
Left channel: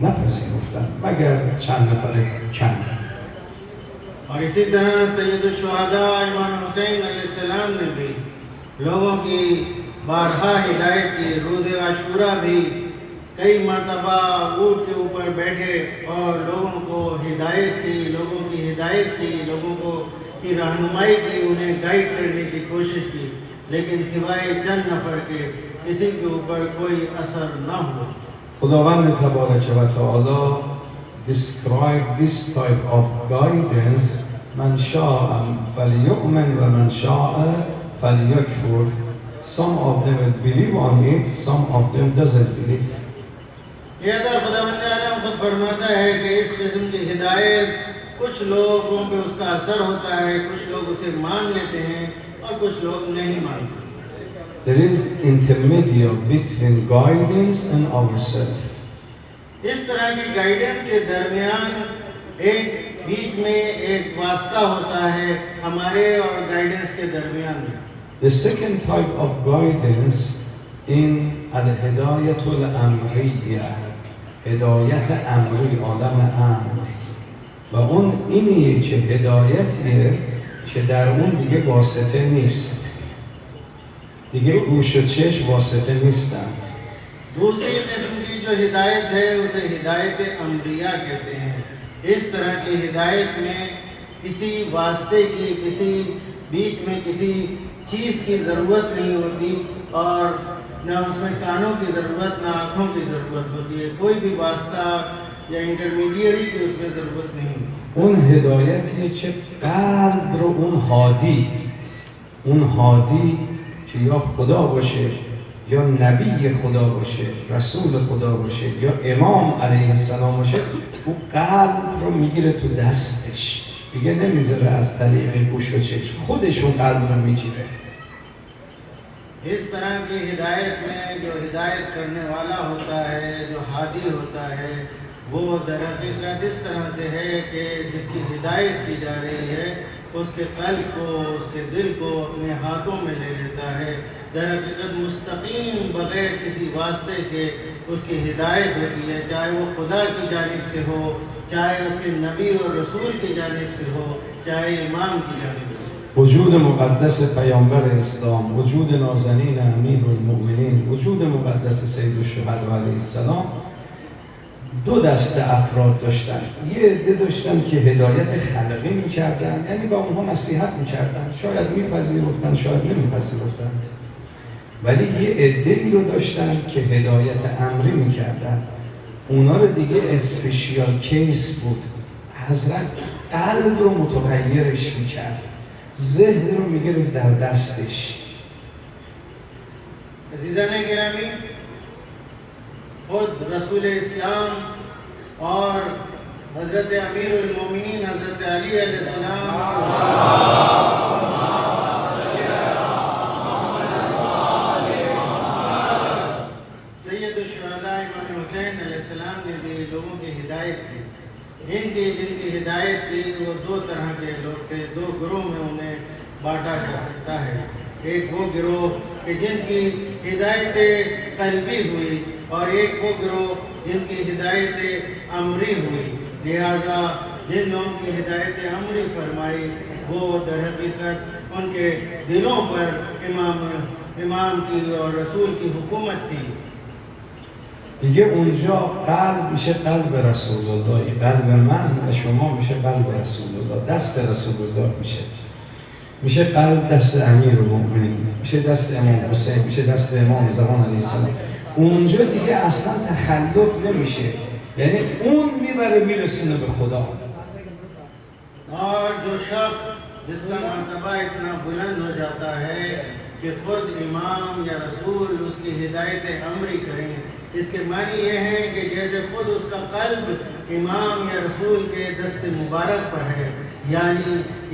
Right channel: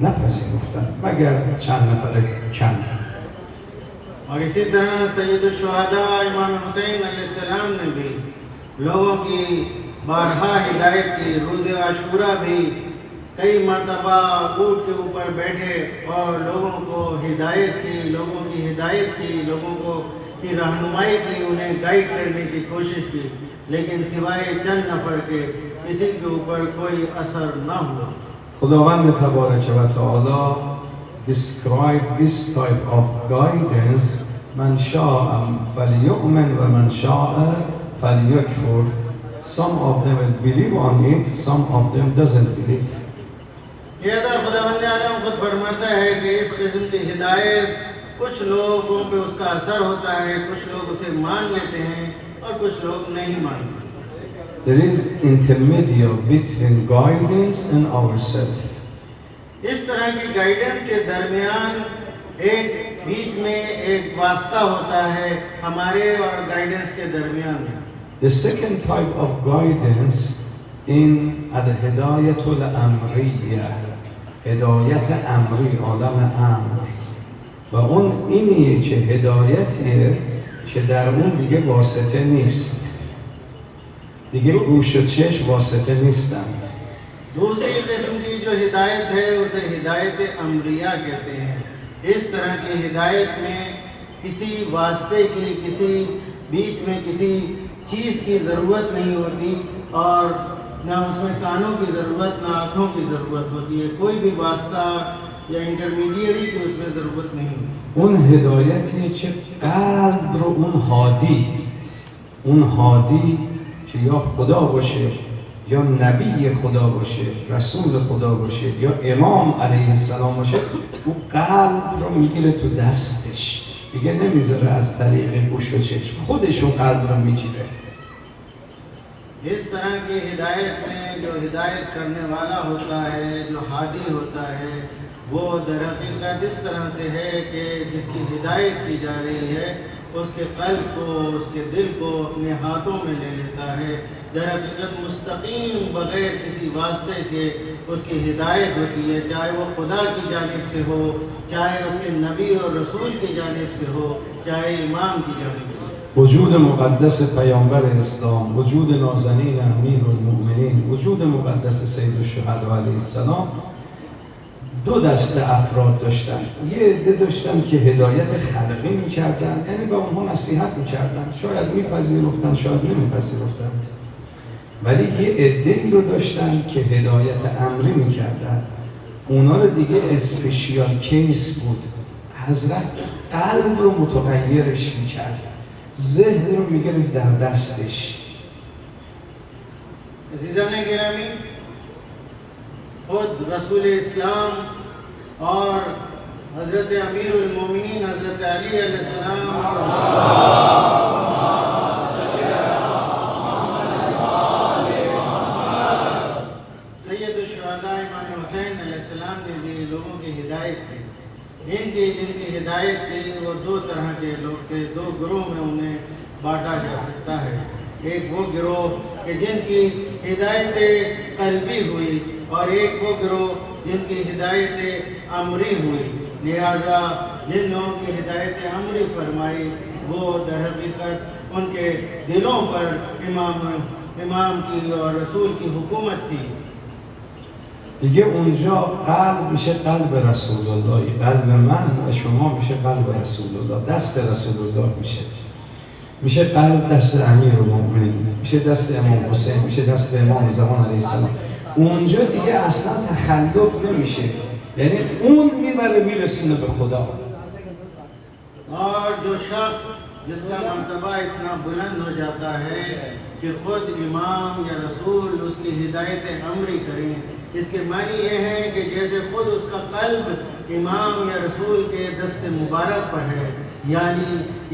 نپذیرفتن مگر چند نفر کم. और इसी तरह सैयद शुहदा इमाम हुसैन अलैहिस्सलाम ने भी लोगों की बारहा हिदायत की. रोज़ आशूरा भी कई मरतबा ऊँट के ऊपर बैठे और लोगों को हिदायत की, लोगों की हिदायत की, लोगों को की रहनुमाई की, उन्हें गाइड करने की कोशिश की, लेकिन सिवाय चंद नफर के किसी के ऊपर कोई असर न हुआ. خداوند تبارک و تعالی describe this type of guidance: من شاء فلیؤمن و من شاء فلیکفر. Some of them will believe on it, some of them doesn't believe. ये खुदावंद आलम खुद फरमाता है कि इस किस्म की हिदायत कुछ लोगों पे उसका असर होता है, कुछ लोग उसे मान लेते हैं और कुछ लोग नहीं मानते. There is intermediate between guidance and ourselves. इस तरह की गाइडेंस के दरमियान एक बीच में एक वास्ता होता है हमारे और गाइडेंस के दरमियान. The second type of guidance in al-hidayat al-amriyya، هدایت امری، عالم امر، و اون اینیه که هدایتیه که در اون دیگه واسطه نیست، دیگه گوش و چشم واسطه نیستند. दूसरी किस्म की जो हिदायत है उसे हिदायत अमरिया कहते हैं. इस तरह की हिदायत में किसी वास्ते की, किसी बीच में किसी चीज़ की ज़रूरत नहीं होती और न उसमें कानों की ज़रूरत, न आँखों की ज़रूरत होती है. कोई भी वास्ता या इंटरमीडिएरी की उसमें ज़रूरत नहीं होती. اون هدایتیه که قلب رو اون هادی که یا خدا باشه یا نبی خدا باشه، رسول خدا باشه یا امام علیه السلام باشه، او قلب رو میگیره تو دستش، دیگه نمیذاره از طریق گوش و چشم، خودش اون قلب رو میگیره. इस तरह की हिदायत में जो हिदायत करने वाला होता है, जो हादी होता है, वो दरअसल इस तरह से है कि जिसकी हिदायत की जा रही है उसके क़ल्ब को, उसके दिल को अपने हाथों में ले लेता है. दरअसल मुस्तकीम बग़ैर किसी वास्ते के उसकी हिदायत होती है, चाहे वो खुदा की जानिब से हो, चाहे उसके नबी और रसूल की जानिब से हो, चाहे इमाम की जानिब से. وجود مقدس پیامبر اسلام، وجود نازنین امیرالمؤمنین، وجود مقدس سید الشهدا علیه السلام دو دسته افراد داشتن. یه عده داشتن که هدایت خلقی میکردن، یعنی با اونها نصیحت میکردن، شاید میپذیرفتن شاید نمیپذیرفتن، ولی یه عده‌ای رو داشتن که هدایت امری میکردن. اونا رو دیگه اسپیشیال کیس بود. حضرت قلب رو متغیرش میکرد، ذهن رو میگرفت در دستش. अज़ीज़ान गिरामी, खुद रसूल इस्लाम और हज़रत अमीरुल मोमिनीन हज़रत अली अलैहिस्सलाम सैयद शुहदा इमाम हुसैन अलैहिस्सलाम ने भी लोगों की हिदायत की. जिनकी हिदायत की वो दो तरह के लोग थे, दो ग्रोह में उन्हें बांटा जा सकता है. एक वो गिरोह कि जिनकी हिदायत क़ल्बी हुई और एक वो गिरोह जिनकी हिदायत अमरी हुई. लिहाजा जिन लोगों की हिदायत अमरी फरमाई वो दरहकीकत उनके दिलों पर इमाम की और रसूल की हुकूमत थी। دیگه اونجا قلب میشه قلب رسول الله، قلب من و شما میشه قلب رسول الله، دست رسول الله میشه قلب دست امیرالمومنین، میشه دست امام حسین، میشه دست امام زمان علیه السلام. اونجا دیگه اصلا تخلف نمیشه، یعنی اون میبره میرسونه به خدا. और जो शख्स जिसका मर्तबा इतना बुलंद हो जाता है कि खुद इमाम या रसूल उसकी हिदायत अमरी करें, इसके मानी ये है कि जैसे खुद उसका कल्ब इमाम या रसूल के दस्त मुबारक पर है,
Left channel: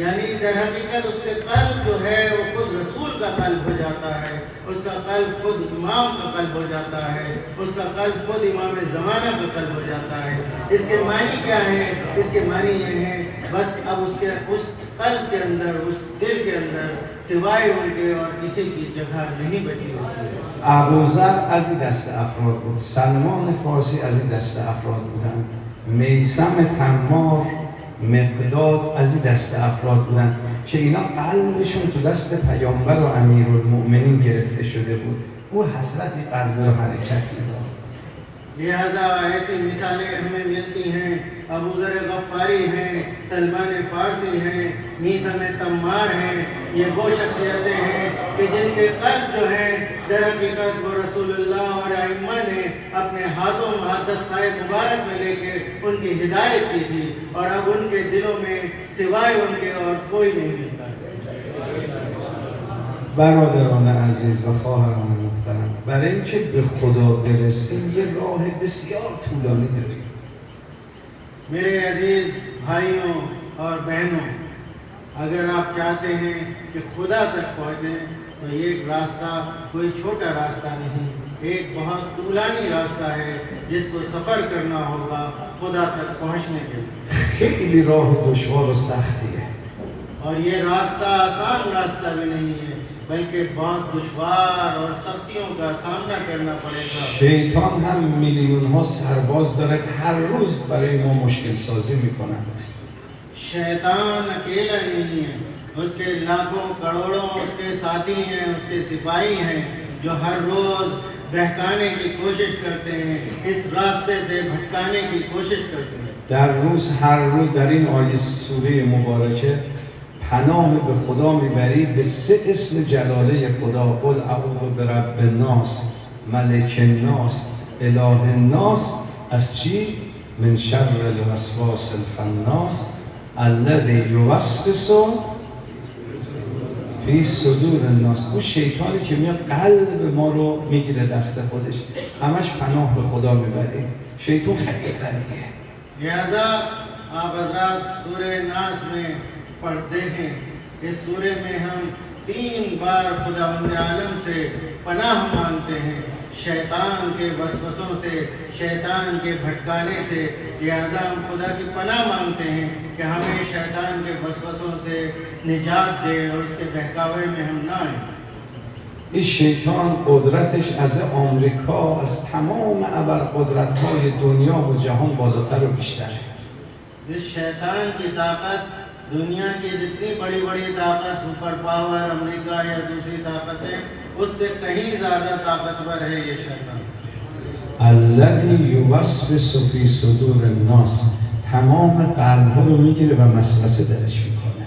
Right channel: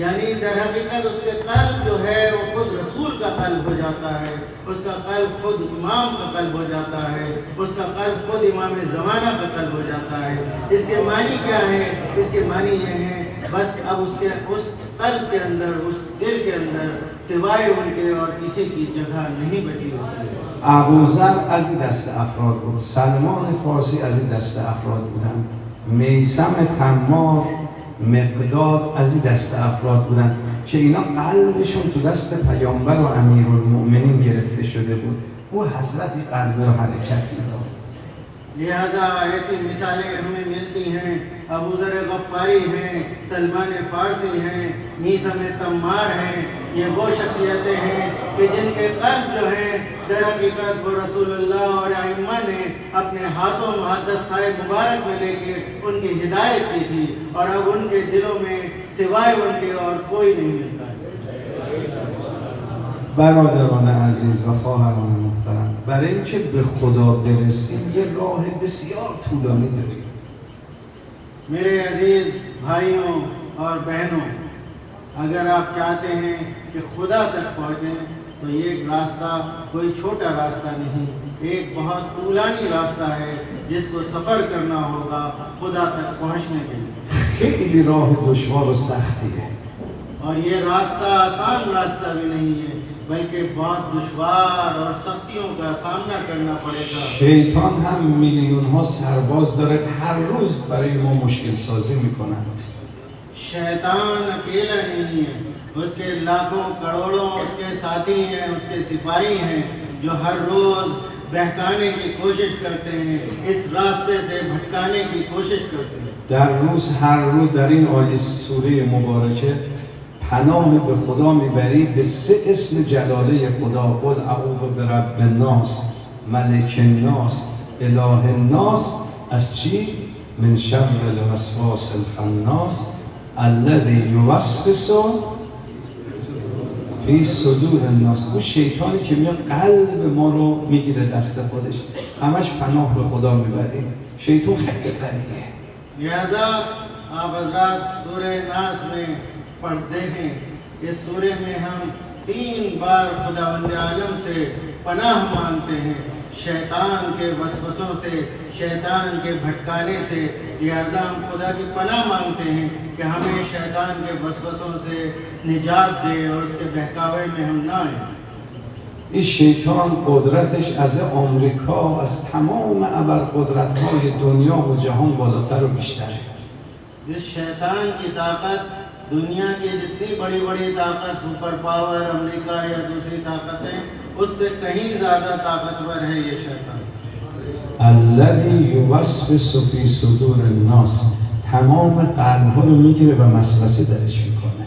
यानी दर हकीकत उसके कल्ब जो है वो खुद रसूल का कल्ब हो जाता है, उसका कल्ब खुद इमाम का कल्ब हो जाता है, उसका कल्ब खुद इमाम ज़माना का कल्ब हो जाता है। इसके मानी क्या है? इसके मानी ये है बस अब उसके उस कल्ब के अंदर, उस दिल के अंदर सिवाय उनके और किसी की जगह नहीं बची होती। ابوذر از این دست افراد بود، سلمان فارسی از این دست افراد بودن، میثم تمار، مقداد از این دست افراد بودن که اینا قلبشون تو دست پیامبر و امیرالمؤمنین گرفته شده بود. او حضرت قلب و حرکت میداد. लिहाजा ऐसी मिसालें हमें मिलती हैं। अबू ज़र गफ़ारी हैं, सलमान फ़ारसी हैं, मीसम तम्मार हैं। ये वो शख्सियतें हैं कि जिनके कल्ब जो हैं दर हकीकत वो रसूलुल्लाह और आइम्मा ने अपने हाथों दस्ताए मुबारक में लेके उनकी हिदायत की थी, और अब उनके दिलों में सिवाय उनके और कोई नहीं मिलता। برادران عزیز و خواهران محترم، برای اینکه به خدا برسیم یه راه بسیار طولانی داریم. मेरे अजीज भाइयों और बहनों, अगर आप चाहते हैं कि खुदा तक पहुँचें तो ये एक रास्ता कोई छोटा रास्ता नहीं, एक बहुत तूलानी रास्ता है जिसको सफ़र करना होगा खुदा तक पहुँचने के लिए। خیلی راه دشوار و سختیه. और ये रास्ता आसान रास्ता भी नहीं है, बल्कि बहुत दुश्वार और सख्तियों का सामना करना पड़ेगा। شیطان هم میلیون ها سرباز داره، هر روز برای ما مشکل سازی میکنند. शैतान अकेला नहीं है, उसके लाखों करोड़ों उसके साथी हैं, उसके सिपाही हैं जो हर रोज बहकाने की कोशिश करते हैं, इस रास्ते से भटकाने की कोशिश करते हैं। در روز هر روز در این آیه سوره مبارکه پناه به خدا میبری به 3 اسم جلاله خدا. قل اعوذ برب الناس، ملک الناس، اله الناس. از چی؟ من شر الوسواس الخناس الذی یوسوس فی صدور الناس. اون شیطانی که میاد قلب ما رو میگیره دست خودش، همش پناه به خدا میبریم. شیطان خیلی قویه. लिहाजा आप हज़रात सूरे नास में पढ़ते हैं, इस सूरे में हम 3 बार खुदावंद आलम से पनाह मांगते हैं, शैतान के वसवसों से, शैतान के भटकाने से। लिहाजा हम खुदा की पनाह मांगते हैं कि हमें शैतान के वसवसों से निजात दे और उसके बहकावे में हम ना आए। این شیطان قدرتش از آمریکا، از تمام ابرقدرت‌های دنیا و جهان بالاتر و بیشتره. जिस शैतान की ताकत दुनिया की जितनी बड़ी बड़ी ताकत, सुपर पावर अमेरिका या दूसरी ताकतें, उससे कहीं ज़्यादा ताकतवर है ये शैतान। الذی یوسوس فی صدور الناس، تمام قلب‌ها رو میگیره و وسوسه درش میکنه.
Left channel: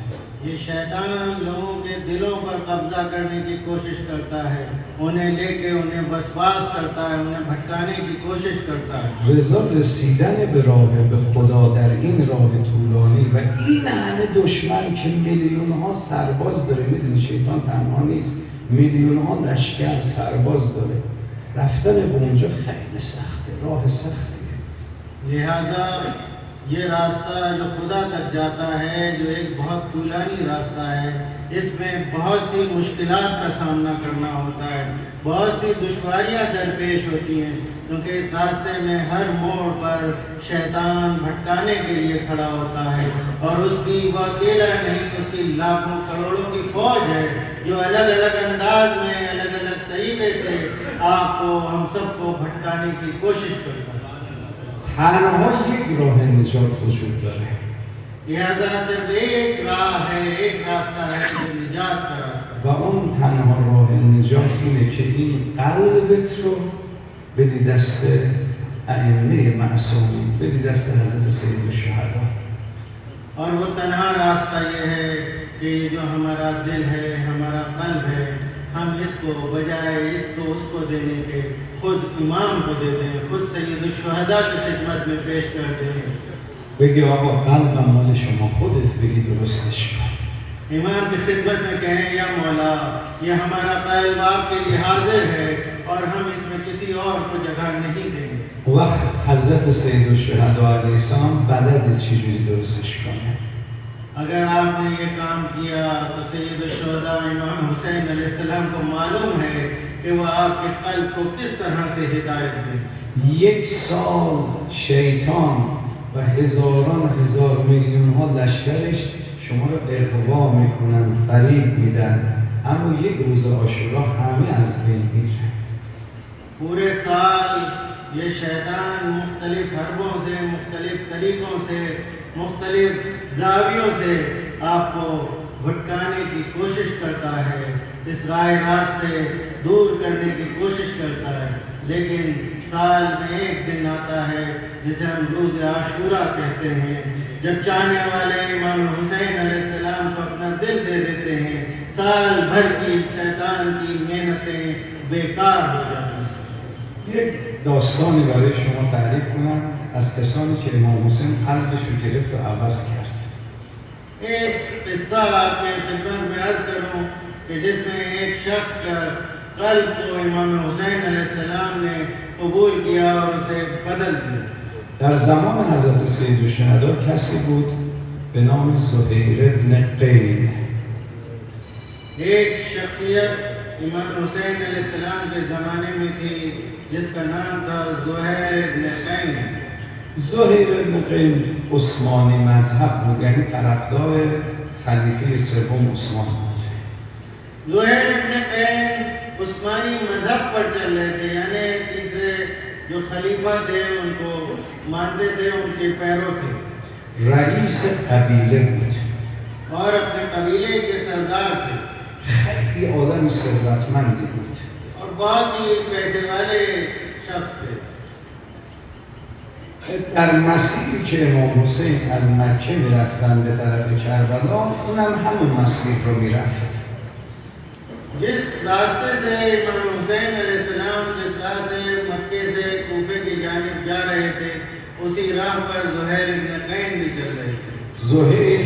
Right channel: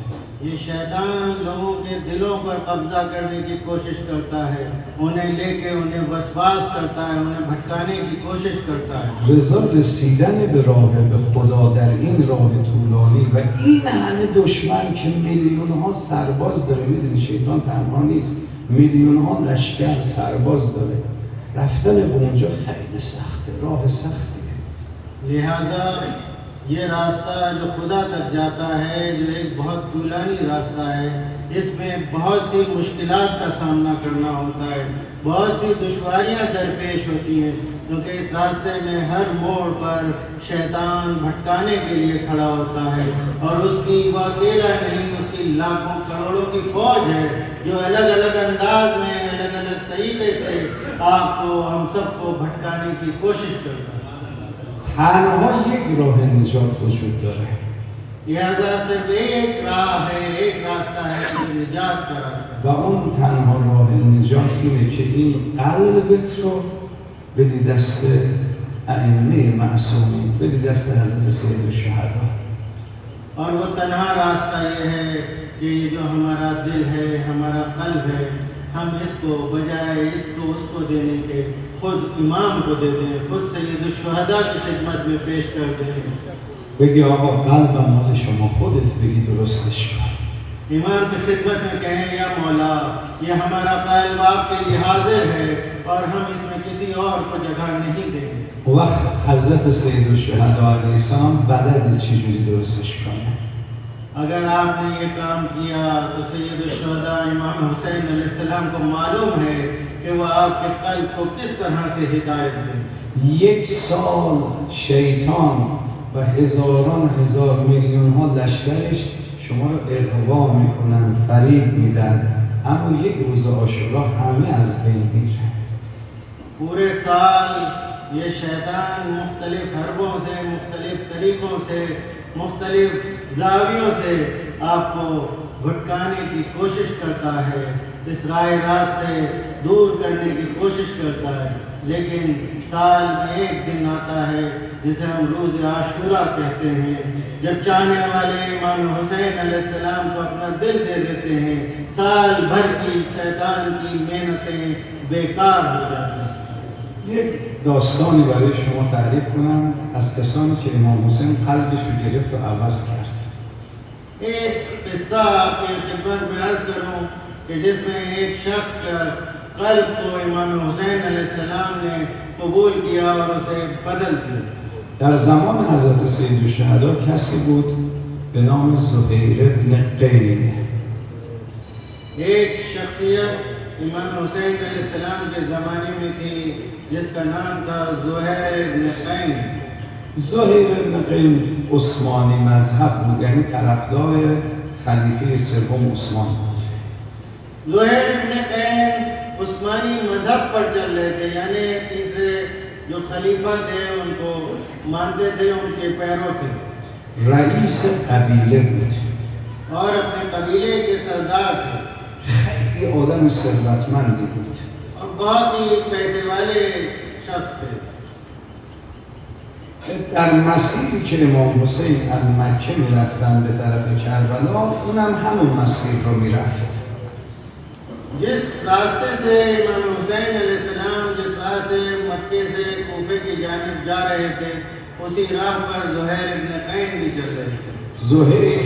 ये शैतान लोगों के दिलों पर कब्जा करने की कोशिश करता है, उन्हें लेके उन्हें वसवास करता है, उन्हें भटकाने की कोशिश करता है। رضا رسیدن به راه به خدا در این راه طولانی و این همه دشمن که میلیون ها سرباز داره، میدونی شیطان تنها نیست، میلیون ها لشکر سرباز داره، رفتن به اونجا خیلی سخته، راه سختیه. लिहाजा ये रास्ता जो खुदा तक जाता है, जो एक बहुत तूलानी रास्ता है, इसमें बहुत सी मुश्किलात का सामना करना होता है, बहुत सी दुश्वारियाँ दरपेश होती हैं, क्योंकि इस रास्ते में हर मोड़ पर शैतान भटकाने के लिए खड़ा होता है, और उसकी वो अकेला नहीं, उसकी लाखों करोड़ों की फौज है जो अलग अलग अंदाज में, अलग अलग तरीके से आपको, हम सबको भटकाने की कोशिश करती है। تنها یک راه نجات وجود داره، लिहाजा सिर्फ एक राह है, एक रास्ता है कि निजात का रास्ता। و اون تنها راه نجات اینه که این قلبت رو بدی دست ائمه معصومین، بدی دست حضرت سید الشهدا. और वो तन्हा रास्ता ये है कि ये जो हमारा दिल है, हमारा कल्ब है, हम इसको बजाय इसको उसको देने के खुद इमाम को दे दें, खुद सैयद शुहदा की खिदमत में पेश कर दें। بگی آقا قلبم مال شما، خودت بگی درستش کن. इमाम की खिदमत में कहें या मौला ये हमारा कल्ब आपके लिए हाजिर है और हम इसमें किसी और को जगह नहीं देंगे। وقت حضرت سید الشهدا علیه السلام بلد چجوری درستش کنه. अगर आपने ये काम किया तो सैयद शुहदा इमाम हुसैन अलैहिस्सलाम को मालूम है कि वह आपके कल्ब को किस तरह से हिदायत दे। 1 سال شیطان و هزاران هزار میلیون ها لشکرش شما رو اغوا میکنن، فریب میدن، اما یک روز عاشورا همه از بین میرن. पूरे साल ये शैतान मुख्तलिफ हरबों से, मुख्तलिफ तरीक़ों से, मुख्तलिफ जावियों से आपको भटकाने की कोशिश करता है, इस राह रास्त से दूर करने की कोशिश करता है। लेकिन साल में एक दिन आता है जिसे हम रोज़ आशूरा कहते हैं, जब चाहने वाले इमाम हुसैन अलैहिस्सलाम को अपना दिल दे देते हैं, साल भर की शैतान की मेहनतें बेकार हो जाती हैं। یک داستانی برای شما تعریف کنم از کسانی که امام حسین قلبش رو گرفت و عوض کرد. एक किस्सा आपके खिदमत में अर्ज करूं कि जिसमें एक शख्स का कल्ब को इमाम हुसैन अलैहिस्सलाम ने कबूल किया और उसे बदल दिया। در زمان حضرت سید الشهدا کسی بود به نام زهیر بن قین. एक शख्सियत इमाम हुसैन अलैहिस्सलाम के ज़माने में थी जिसका नाम था ज़ुहैर इब्न क़ैन। زهیر بن قین عثمانی مذهب بود، یعنی طرفدار خلیفه سوم عثمان بود. ज़ुहैर इब्न क़ैन उस्मानी मज़हब पर चल रहे थे, यानी तीसरे जो खलीफा थे उनको मानते थे, उनके पैरों थे। رئیس قبیله بود. और अपने कबीले के सरदार थे خیلی آدم ثروتمندی بود. और बहुत ही पैसे वाले शख्स थे। در مسیری که امام حسین از مکه میرفتن به طرف کربلا، اونم همون مسیر رو میرفت. जिस रास्ते से इमाम हुसैन अलैहिस्सलाम जिस राह से मक्के से कूफे की जानिब जा रहे थे, उसी राह पर ज़ुहैर इब्न क़ैन भी चल रहे थे। زهیر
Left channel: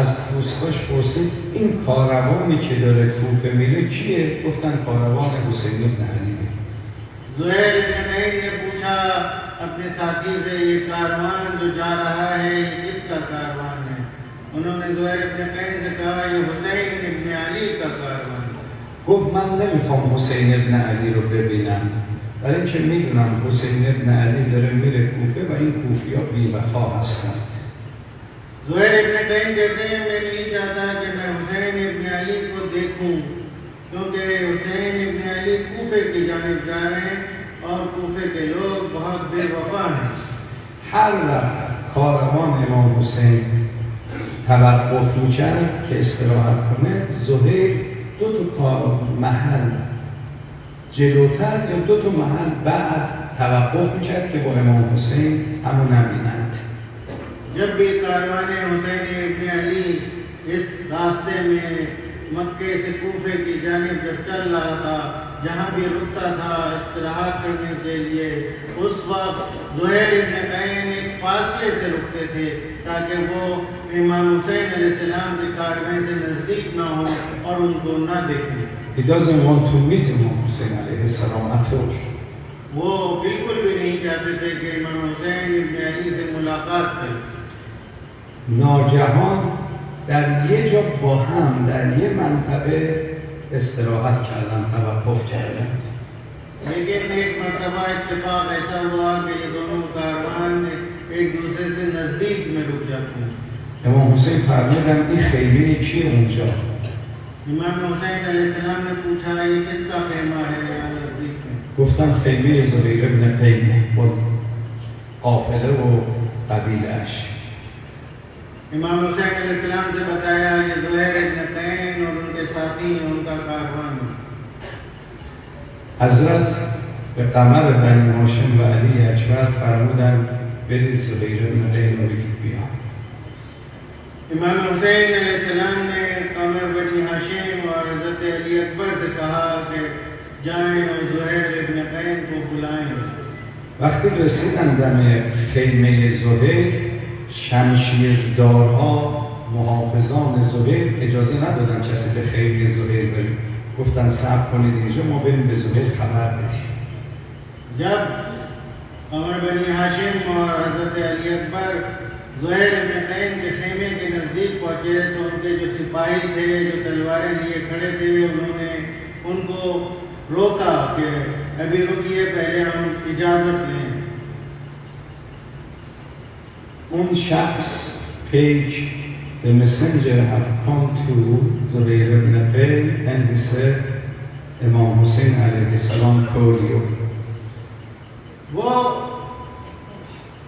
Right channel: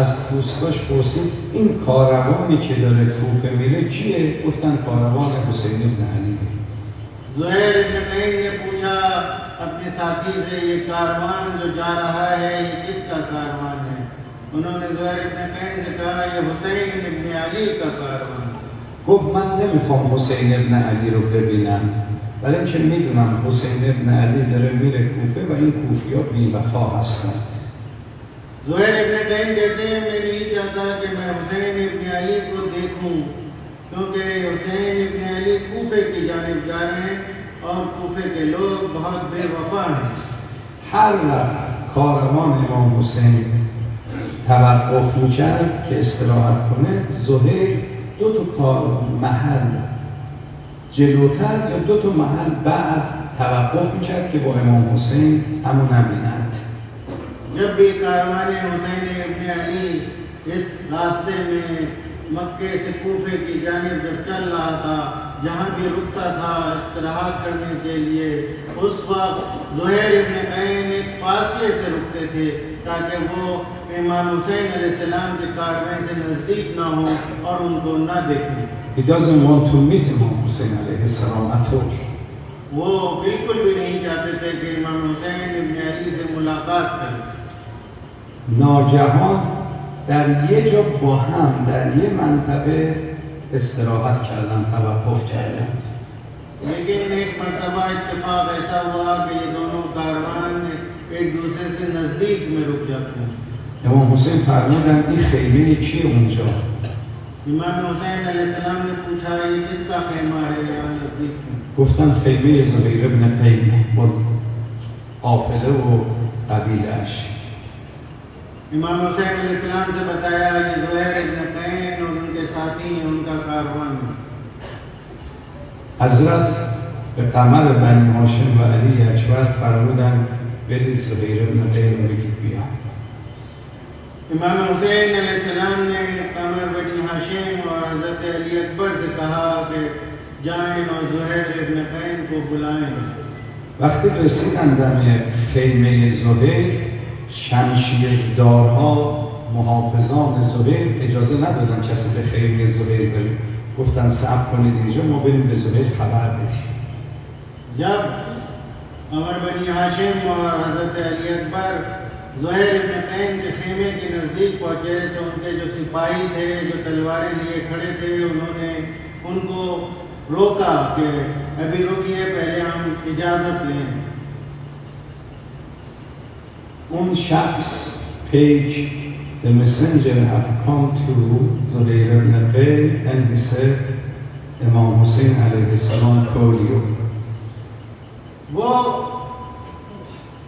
از دوستاش پرسید این کاروانی که داره کوفه میره کیه؟ گفتن کاروان حسین بن علی. ज़ुहैर इब्न क़ैन ने पूछा अपने साथी से, ये कारवान जो जा रहा है ये किसका कारवान है? उन्होंने ज़ुहैर इब्न क़ैन से कहा ये हुसैन इब्न अली का कारवान है। گفت من نمیخوام حسین ابن علی رو ببینم، برای اینکه میدونم حسین ابن علی داره میره کوفه و این کوفی ها بی‌وفا هستند. ज़ुहैर इब्न क़ैन कहते हैं मैं नहीं चाहता कि मैं हुसैन इब्न अली को देखूं, क्योंकि हुसैन इब्न अली कूफे की जानिब जा रहे हैं और कूफे के लोग बहुत बेवफा हैं। هر وقت کاروان امام حسین توقف میکرد که استراحت کنه، زهیر 2 محل جلوتر یا 2 محل بعد توقف میکرد که با امام حسین همون نبینند. जब भी कारवान हुसैन इब्न अली इस रास्ते में मक्के से कूफे की जानिब जब चल रहा था, जहाँ भी रुकता था इस्तराहत करने के लिए, उस वक्त ज़ुहैर इब्न क़ैन एक फासले से रुकते थे ताकि वो इमाम हुसैन अलैहिस्सलाम के कारवान से नज़दीक ना हो और उनको ना देखें। He doesn't want to meet Imam Hussein alayhi salam at all. वो बिल्कुल भी नहीं चाहते थे कि इमाम हुसैन इब्न अली से मुलाकात करें। ناگهان در یه جا با هم در یه منطقه استراحت کردن، توقف کردن. लेकिन एक मरतबा इत्तेफाक ऐसा हुआ कि ये दोनों कारवान एक दूसरे से नज़दीक में रुक जाते हैं। امام حسین فرمودن این خیمه کیه اونجا؟ इमाम हुसैन अलैहिस्सलाम ने पूछा ये किसका खेमा है यहाँ नज़दीक में? گفتن خیمه زهیر بن قین با قافله و قبیله‌اش. इमाम हुसैन अलैहिस्सलाम से बताया ये ज़ुहैर इब्न तैन और उनके साथी उनका कारवान। حضرت به قمر بنی هاشم و علی اکبر فرمودن برید زبیر ابن تیم رو بگید بیان. इमाम हुसैन अलैहिस्सलाम ने कमर बनी हाशिम और हज़रत अली अकबर से कहा कि जाएं और ज़ुहैर इब्न तैन को बुलाएं। وقتی رسیدن دم خیمه زبیر، شمشیردارها محافظان زبیر اجازه ندادن کسی به خیمه زبیر بره. گفتن صبر کنید اینجا، ما بریم به زبیر خبر بدیم. जब कमर बनी हाशिम और हज़रत अली अकबर ज़ुहैर इब्न तैन के खेमे के नज़दीक पहुँचे तो उनके जो सिपाही थे, जो तलवारें लिए खड़े थे, उन्होंने उनको रोका कि अभी रुकिए, पहले हम इजाज़त लें। اون شخص pack the messenger have come to Zubayr ibn Tayy and he said Imam Hussein alayhi salam call you. वो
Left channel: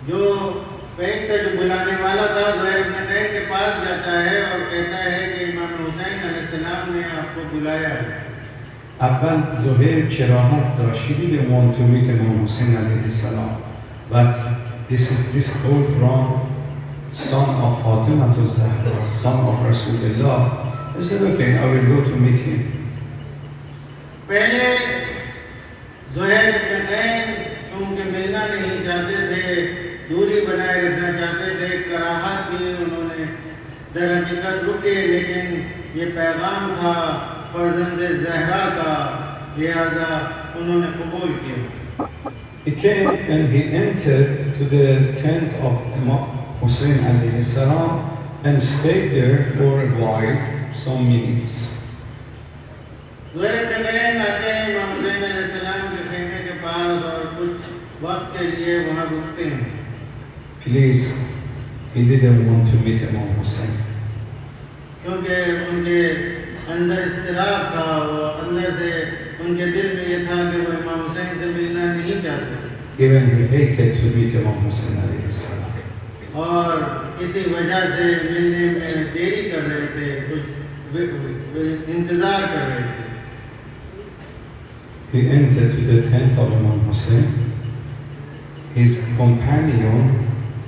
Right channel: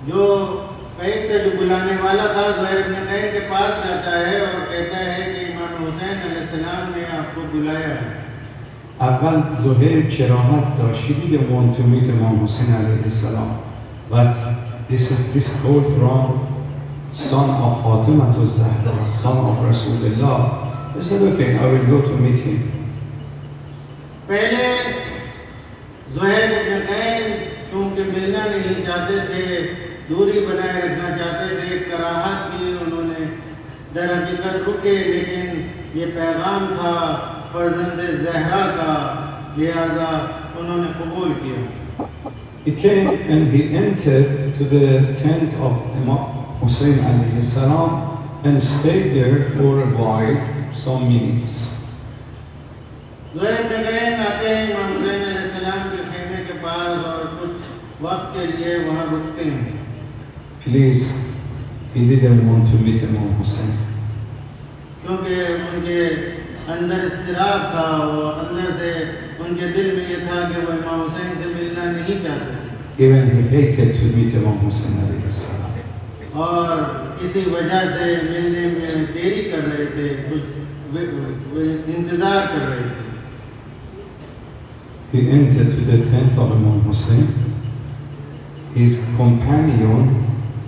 जो पैक का जो बुलाने वाला था ज़ुहैर इब्न तैन के पास जाता है और कहता है कि इमाम हुसैन अलैहिस्सलाम ने आपको बुलाया है। اول زهیر کراهت داشت که دیگه want to meet Imam Hussein alayhi salam, but this call from son of Fatima to Zahra, son of Rasulullah. He said okay, I will go to meet him. पहले ज़ुहैर इब्न तैन चूँकि मिलना नहीं चाहते थे, दूरी बनाए रखना चाहते थे, कराहत भी उन्होंने दर हकीकत रुके, लेकिन ये पैगाम था फर्जंद ज़हरा का, लिहाजा उन्होंने कबूल किया। He came and he entered to the tent of Imam Hussein alayhi salam and stayed there for a while, some minutes. Zuhair इब्न तैन आते हैं इमाम हुसैन अलैहिस्सलाम के खेमे के पास और कुछ वक्त के लिए वहाँ रुकते हैं। Please, he didn't want to meet Imam Hussein. क्योंकि उनके अंदर इस्तिराब था और अंदर से उनके दिल में ये था कि वो इमाम हुसैन से मिलना नहीं चाहते Even he hated to meet Imam Hussein alayhi salam. और इसी वजह से मिलने में देरी कर रहे थे, कुछ इंतज़ार कर रहे थे। He entered to the tent of Imam Hussein. His companion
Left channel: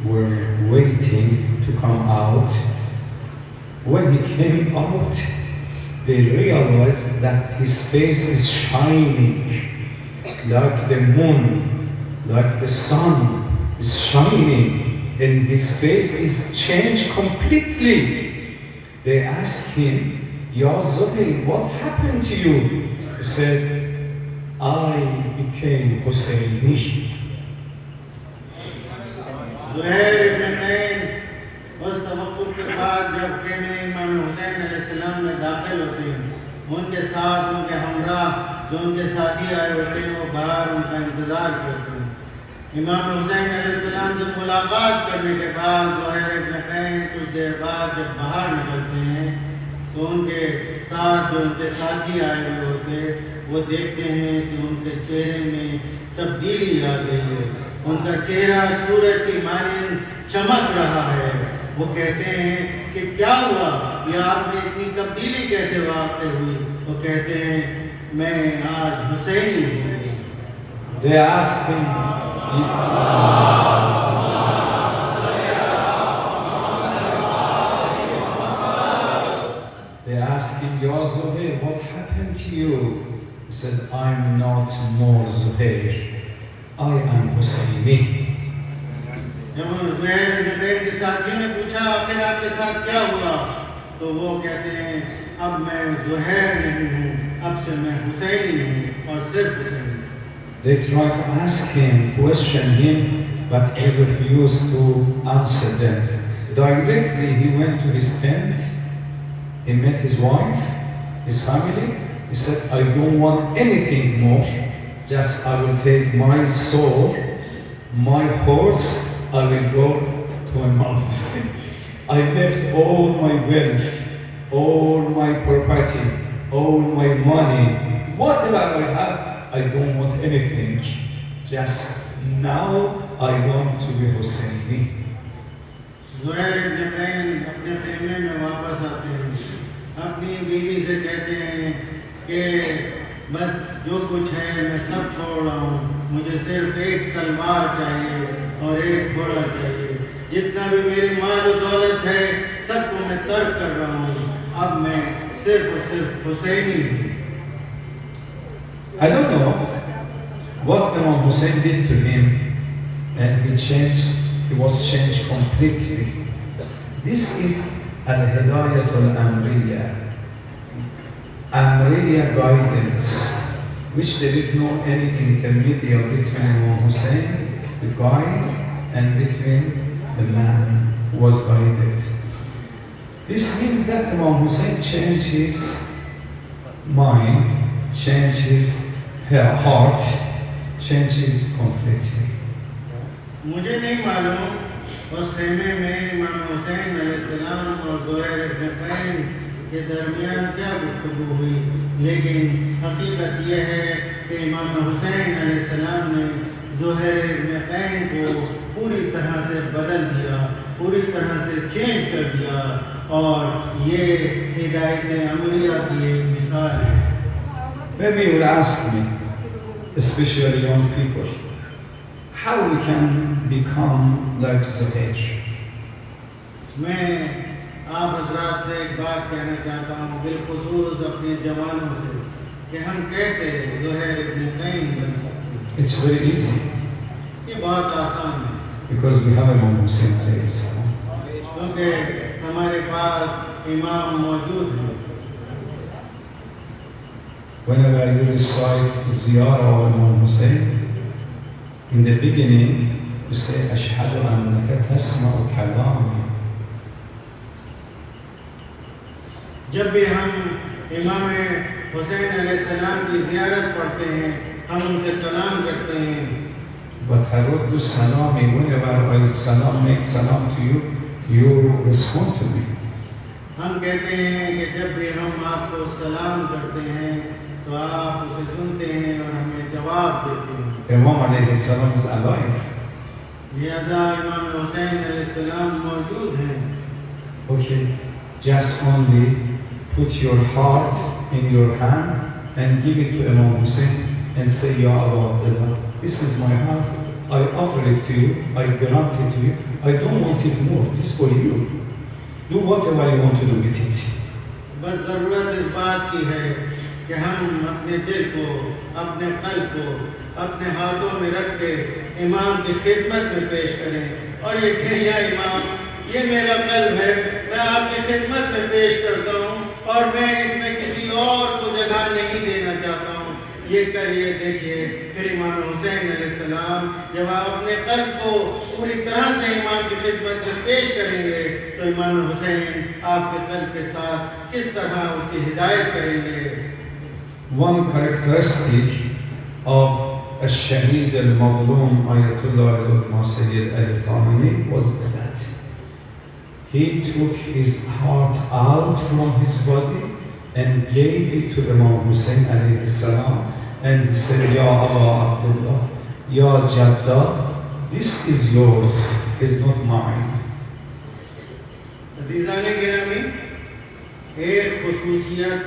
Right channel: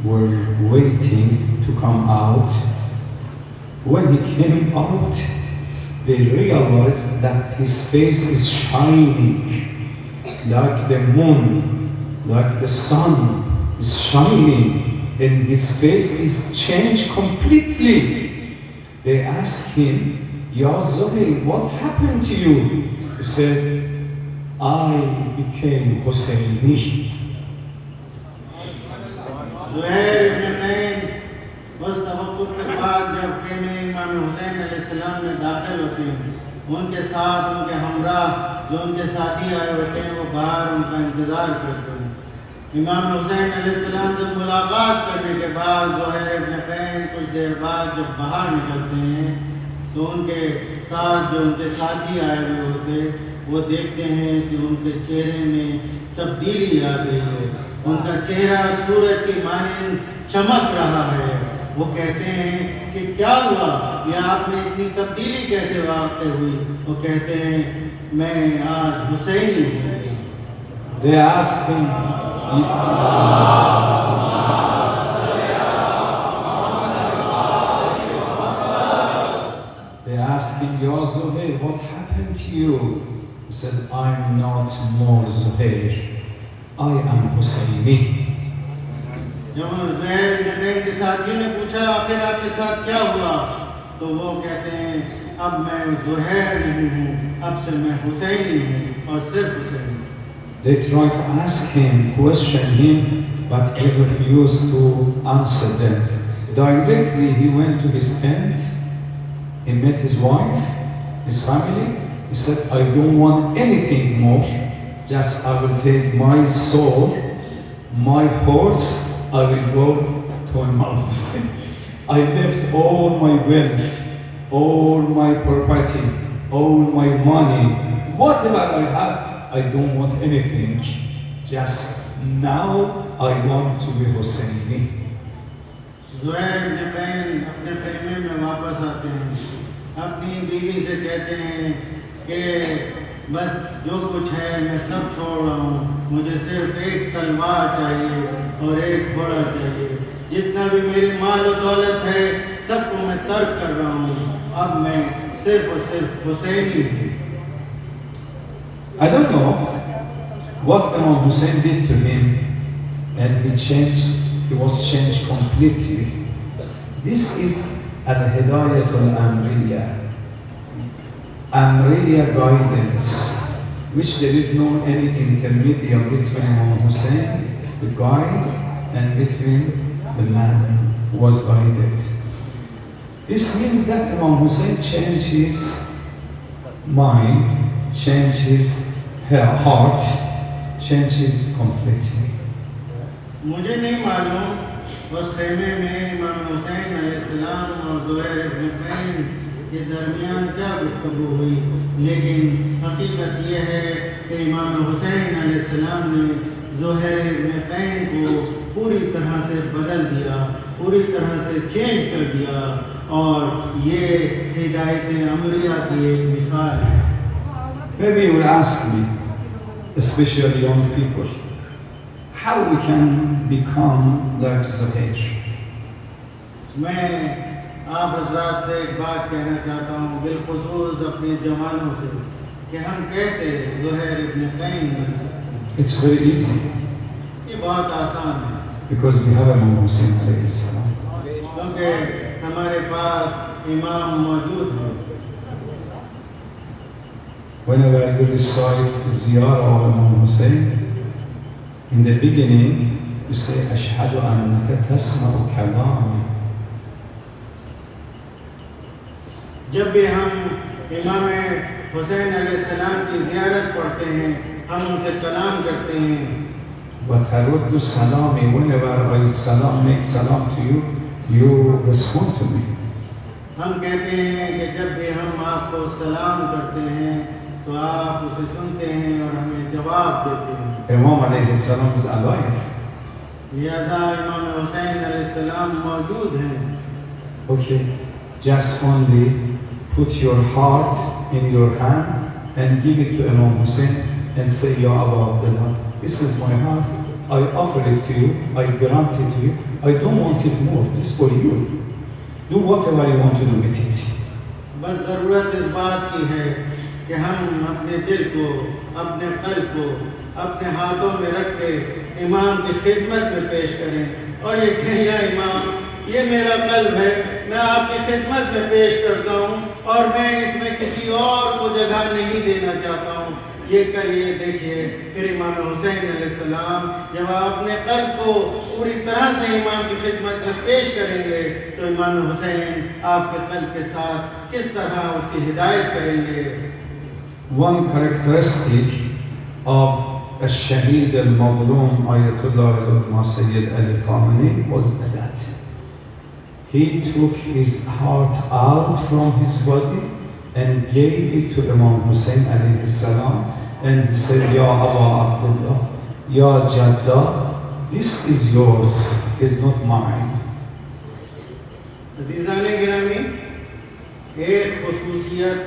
were waiting to come out. When he came out, they realized that his face is shining like the moon, like the sun is shining, and his face is changed completely. They asked him, Ya Zubayr, what happened to you? He said, I became Husseini. Zuhair इब्न तैन उस तवक्कुल के बाद जब खेमे इमाम हुसैन अलैहिस्सलाम में दाखिल होते हैं, उनके साथ उनके हमरा जो उनके साथी आए होते हैं वो बाहर उनका इंतज़ार करते हैं। इमाम हुसैन अलैहिस्सलाम से मुलाकात करने के बाद ज़ुहैर इब्न तैन कुछ देर बाद जब बाहर निकलते हैं तो उनके साथ जो उनके साथी आए हुए होते वो देखते हैं कि उनके चेहरे में तब्दीली आ गई है, उनका चेहरा सूरज की मानिंद चमक रहा है। वो कहते हैं कि क्या हुआ, ये आप में इतनी तब्दीली कैसे वाक़ हुई? वो कहते हैं मैं आज हुसैनी हूँ। They asked him, Ya Zubayr, what happened to you? He said, I'm not more Zubayr. I am Husseini. जब ज़ुहैर इब्न तैन के साथियों ने पूछा आखिर आपके साथ क्या हुआ, तो वो कहते हैं अब मैं ज़ुहैर नहीं हूँ, अब से मैं हुसैनी हूँ और सिर्फ Husaini. They tried to ask him, question him, but he refused to answer them. Directly he went to his tent, he met his wife, his family. He said, I don't want anything more, just I will take my sword, my horse, I will go to Imam Hussein. I left all my wealth, all my property, all my money, whatever I have, I don't want anything. Just now I want to be Husseini. Zuhair ibn can अपने खेमे में वापस आते हैं, अपनी बीवी से कहते हैं कि बस जो कुछ है मैं सब छोड़ रहा हूँ, मुझे सिर्फ एक तलवार चाहिए और एक घोड़ा चाहिए, जितना भी मेरी माल और दौलत है सबको मैं तर्क कर रहा हूँ, अब मैं सिर्फ और सिर्फ हुसैनी हूँ। I don't know what Imam Hussein did to him, and he was changed completely. This is al-hidayatul amriya, amriya guidance, which there is no any intermediate between Imam Hussein, the guide, and between the man who was guided. This means that Imam Hussein changed his mind, changed his heart, changed it completely. मुझे नहीं मालूम उस खेमे में इमाम हुसैन अलैहिस्सलाम और ज़ुहैर इब्न can के दरमियान क्या गुफ्तगू हुई, लेकिन हकीकत यह है कि इमाम हुसैन अलैहिस्सलाम ने ज़ुहैर इब्न कैन को पूरी तरह से बदल दिया, पूरी तरह से चेंज कर दिया, और ये हिदायत अमरिया की एक मिसाल है। Maybe you will ask me, especially young people, how we can become like Zuhair? मैं आप हजरात से एक बात कहना चाहता हूँ, बिलखुसूस अपने जवानों से, कि हम कैसे ज़ुहैर इब्न कैन बन सकते हैं। It's very easy, ये बहुत आसान है, because we have Imam Hussein alayhi salam. क्योंकि हमारे पास इमाम मौजूद है। Whenever you recite Ziyarah of Imam Hussein, in the beginning you say, Ashhadu annaka tasma'u kalami. जब भी हम इमाम हुसैन अलैहिस्सलाम की ज़ियारत पढ़ते हैं, हम उनसे कलाम करते हैं। But Haruddu Salami, whenever I make salam to you, you respond to me. हम कहते हैं कि जब भी हम आपको सलाम करते हैं तो आप उसे सुनते हैं और हमें जवाब देते हैं। Imam alayhi salam is alive. लिहाजा इमाम हुसैन अलैहिस्सलाम मौजूद हैं। Okay, just only put your heart in your hand and give it to Imam Hussein and say, Ya Abu Abdullah, this is my heart, I offer it to you, I grant it to you, I don't want it more, this is for you. Do whatever you want to do with it. बस ज़रूरत इस बात की है कि हम अपने दिल को, अपने कल्ब को अपने हाथों में रख के इमाम की खिदमत में पेश करें और ये कहें, या इमाम, ये मेरा कल्ब है, मैं आपकी खिदमत में पेश करता हूँ और मैं इसमें किसी और को जगह नहीं देना चाहता हूँ। ये करिए, देखिए, फिर इमाम हुसैन अलैहिस्सलाम जब अपने कल्ब को पूरी तरह से इमाम की खिदमत में पेश करेंगे तो इमाम हुसैन आपके कल्ब के साथ किस तरह उसकी हिदायत करेंगे। One characteristic of Al-Shaheed al-Mazlum Ayatollah al-Ulama Sayyid Ali Khamenei was that he took his heart out from his body and gave it to Imam Hussein alayhi salam, and he said, Ya Abu Abdullah, Ya Jadda, this is yours, it's not mine. अज़ीज़ाने गिरामी, एक खुसूसियत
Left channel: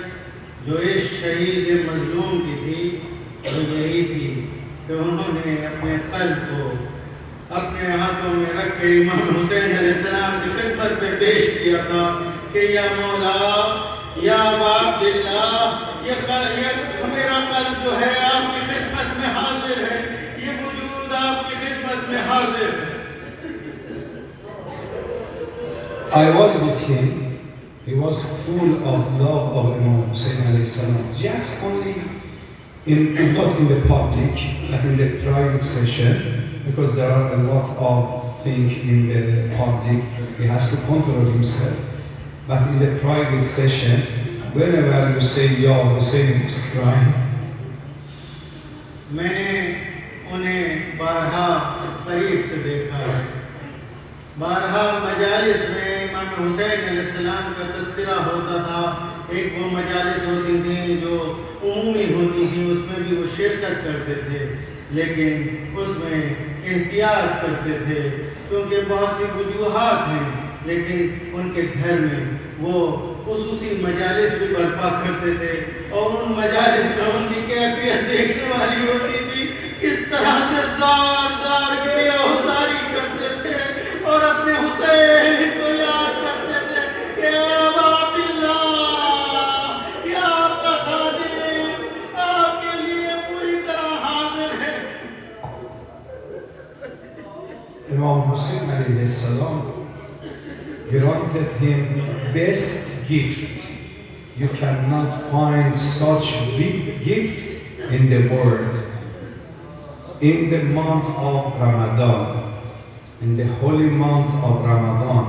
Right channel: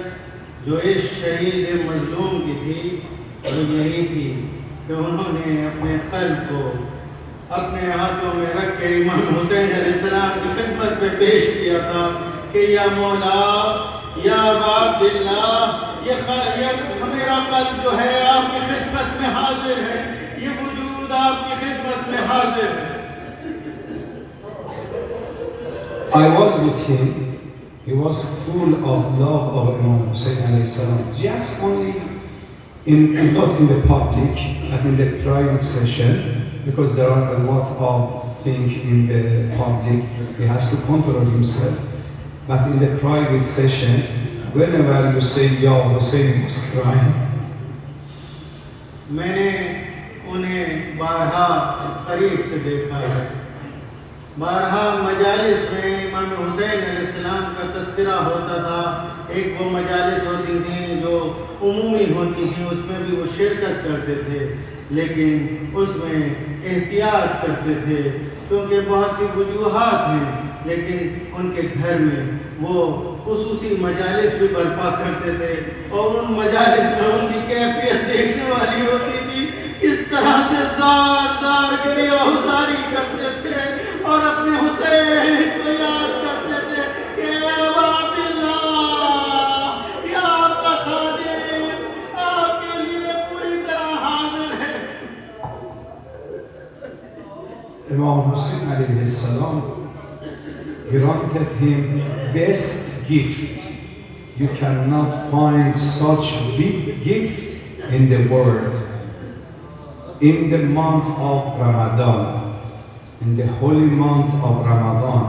जो इस शहीद मज़लूम की थी वो यही थी कि उन्होंने अपने कल्ब को अपने हाथों में रख के इमाम हुसैन अलैहिस्सलाम की खिदमत में पेश किया था कि या मौला, या अब्दुल्ला, ये मेरा कल्ब जो है आपकी खिदमत में हाजिर है, ये वजूद आपकी खिदमत में हाजिर है। I was with him. He was full of love of Imam Hussein alayhi salam. Just only not in the public, but in the private session, because there are a lot of things in the public. He has to control himself. But in the private session, whenever you say Ya Hussein, he was crying. मैंने उन्हें बारहा करीब से देखा है, बारहा मजालिस में इमाम हुसैन अलैहिस्सलाम का तस्करा होता था। एक वो मजालिस होती थी जो उमूमी होती थी, उसमें भी वो शिरकत करते थे, लेकिन उसमें एहतियात करते थे क्योंकि बहुत सी वजूहात हैं लेकिन उनके घर में वो खुसूसी मजालिस भी बर्पा करते थे और उन मजालिस में उनकी कैफियत देखने वाली होती थी, किस तरह से ज़ार ज़ार गिरिया हुज़ारी करते थे और अपने हुसैन को याद करते थे कि अबा अब्दुल्लाह, या आपका खादिम आपके लिए पूरी तरह हाजिर है। Imam Hussein alayhi salam granted him best gift. You cannot find such big gift in the world. In the month of Ramadan, in the holy month of Ramadan,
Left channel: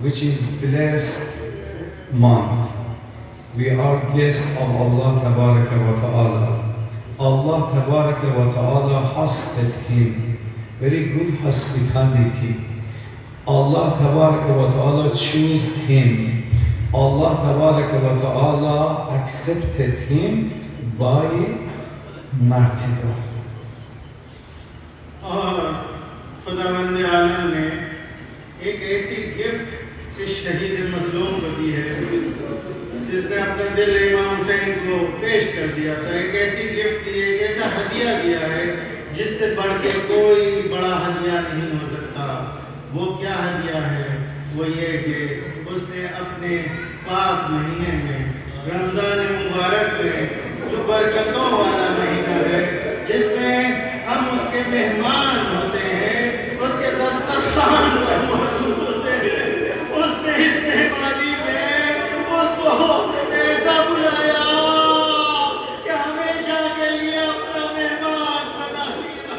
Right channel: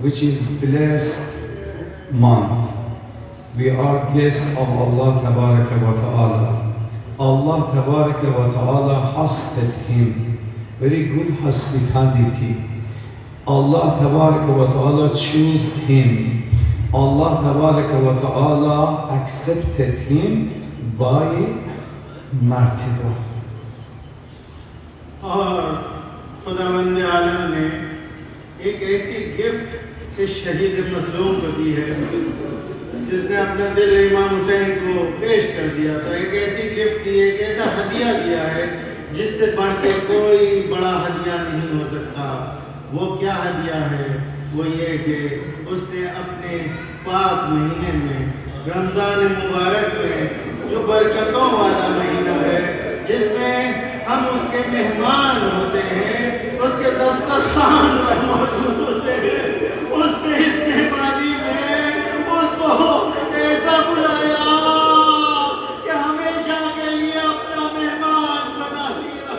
which is blessed month, we are guests of Allah Tabaraka wa Ta'ala. Allah Tabaraka wa Ta'ala hosted him. Very good hospitality. Allah Tabaraka wa Ta'ala chose him. Allah Tabaraka wa Ta'ala accepted him by martyrdom. और खुदावंद आलम ने एक ऐसी gift इस शहीद मजलूम को दी है जिसने अपना दिल इमाम हुसैन को पेश कर दिया था। एक ऐसी गिफ्ट दी, एक ऐसा हदिया दिया है जिससे बढ़ के कोई बड़ा हदिया नहीं हो सकता। वो क्या हदिया है? वो ये कि उसने अपने पाक महीने में, रमज़ान मुबारक में, जो बरकतों वाला महीना है, जिसमें हम उसके मेहमान होते हैं, उसके दस्तरखान पर मौजूद होते हैं, उसने इस मेहमानी में उसको ऐसा बुलाया कि हमेशा के लिए अपना मेहमान बना लिया।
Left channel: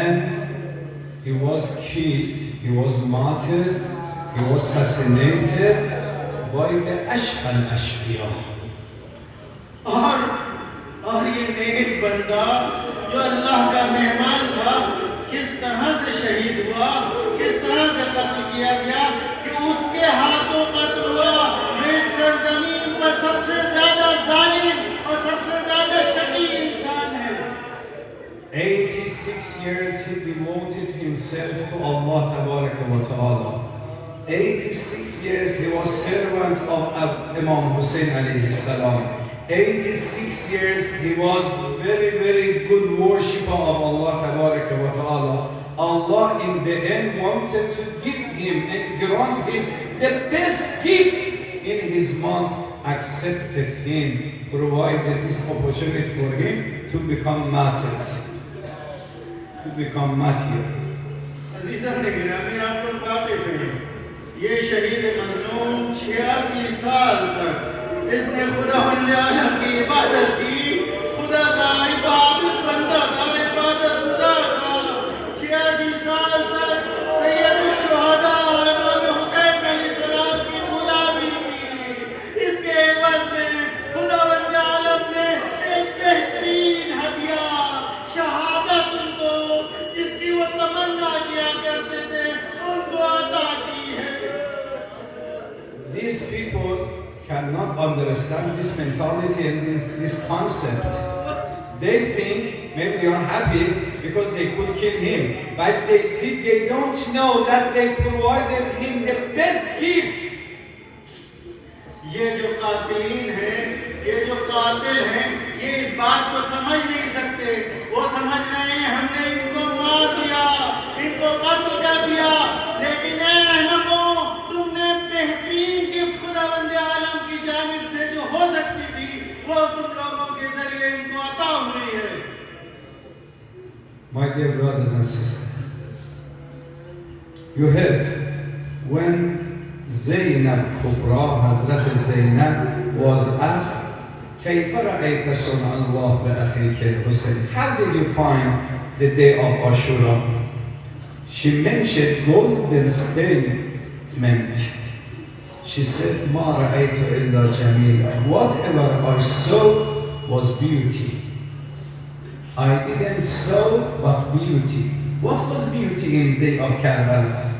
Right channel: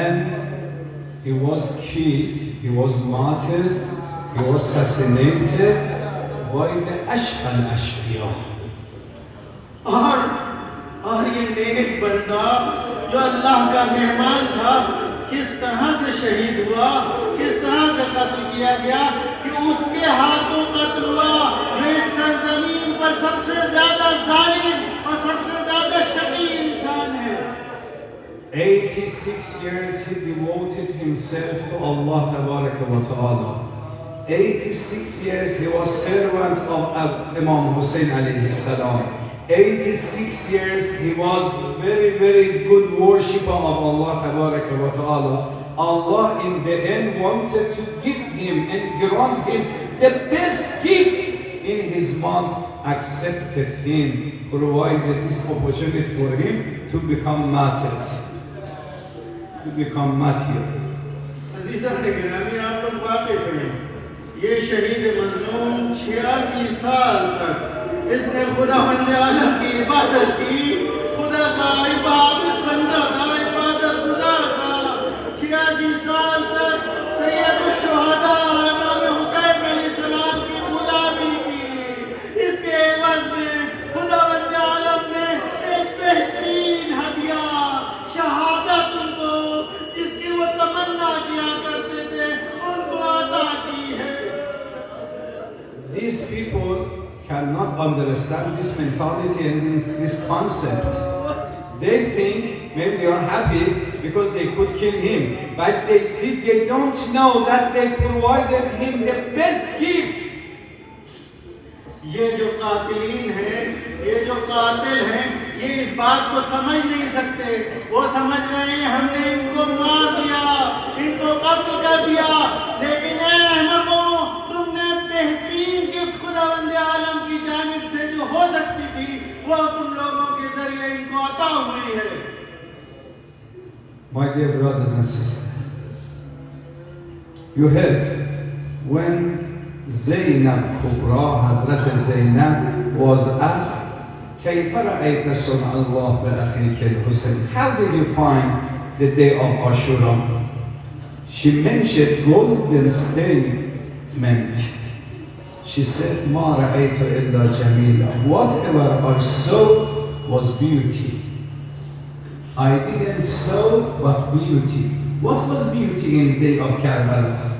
And he was killed, he was martyred, he was assassinated by the Ashqa al-Ashqiyah. और ये नेक बंदा जो अल्लाह का मेहमान था, किस तरह से शहीद हुआ, किस तरह से कत्ल किया गया कि उसके हाथों कत्ल हुआ जो इस सरजमीन पर सबसे ज्यादा जालिम और सबसे ज्यादा शकी इंसान है। 86 years he devoted himself to Allah Tabaraka wa Ta'ala. 86 years he was servant of Imam Hussein alayhi salam. 86 years he was very good worshipper of Allah Tabaraka wa Ta'ala. Allah in the end wanted to give him and grant him the best gift in his month, accepted him, provided this opportunity for him to become martyr. अज़ीज़ान गिरामी, आप लोग वाकिफ़ हैं, ये शहीद मज़लूम 86 साल तक इसने खुदावंद आलम की इबादत की, खुदा का इबादत बंदा था, इबादत गुज़ार था। 86 साल तक सैयदुश शुहदा इमाम हुसैन अलैहिस्सलाम की गुलामी की। इसके एवज़ में खुदावंद आलम ने एक बेहतरीन हदिया, शहादत उनको, जिसकी वो तमन्ना किया करते थे, उनको अता की है। These people cannot understand this mentality and this concept. They think maybe they are happy because they could kill him, but they don't know that they provided him the best gift. ये जो कातिलीन हैं, ये जो कातिल हैं, ये इस बात को समझ नहीं सकते। वो समझ रहे हैं हमने इनको मार दिया, इनको कत्ल कर दिया, लेकिन ऐ अहमकों, तुमने बेहतरीन गिफ्ट खुदावंद आलम की जानिब से जो हो सकती थी, वो तुम लोगों के जरिए इनको अता हुई है। My dear brothers and sisters, you heard when Zainab Kubra, Hazrat Zainab, was asked, كيف رأيت صنع الله بأخيك الحسين? How did you find the day of Ashura? She mentioned golden statement. She said, ما رأيت إلا جميلا. Whatever I saw was beauty. I didn't saw but beauty. What was beauty in the day of Karbala?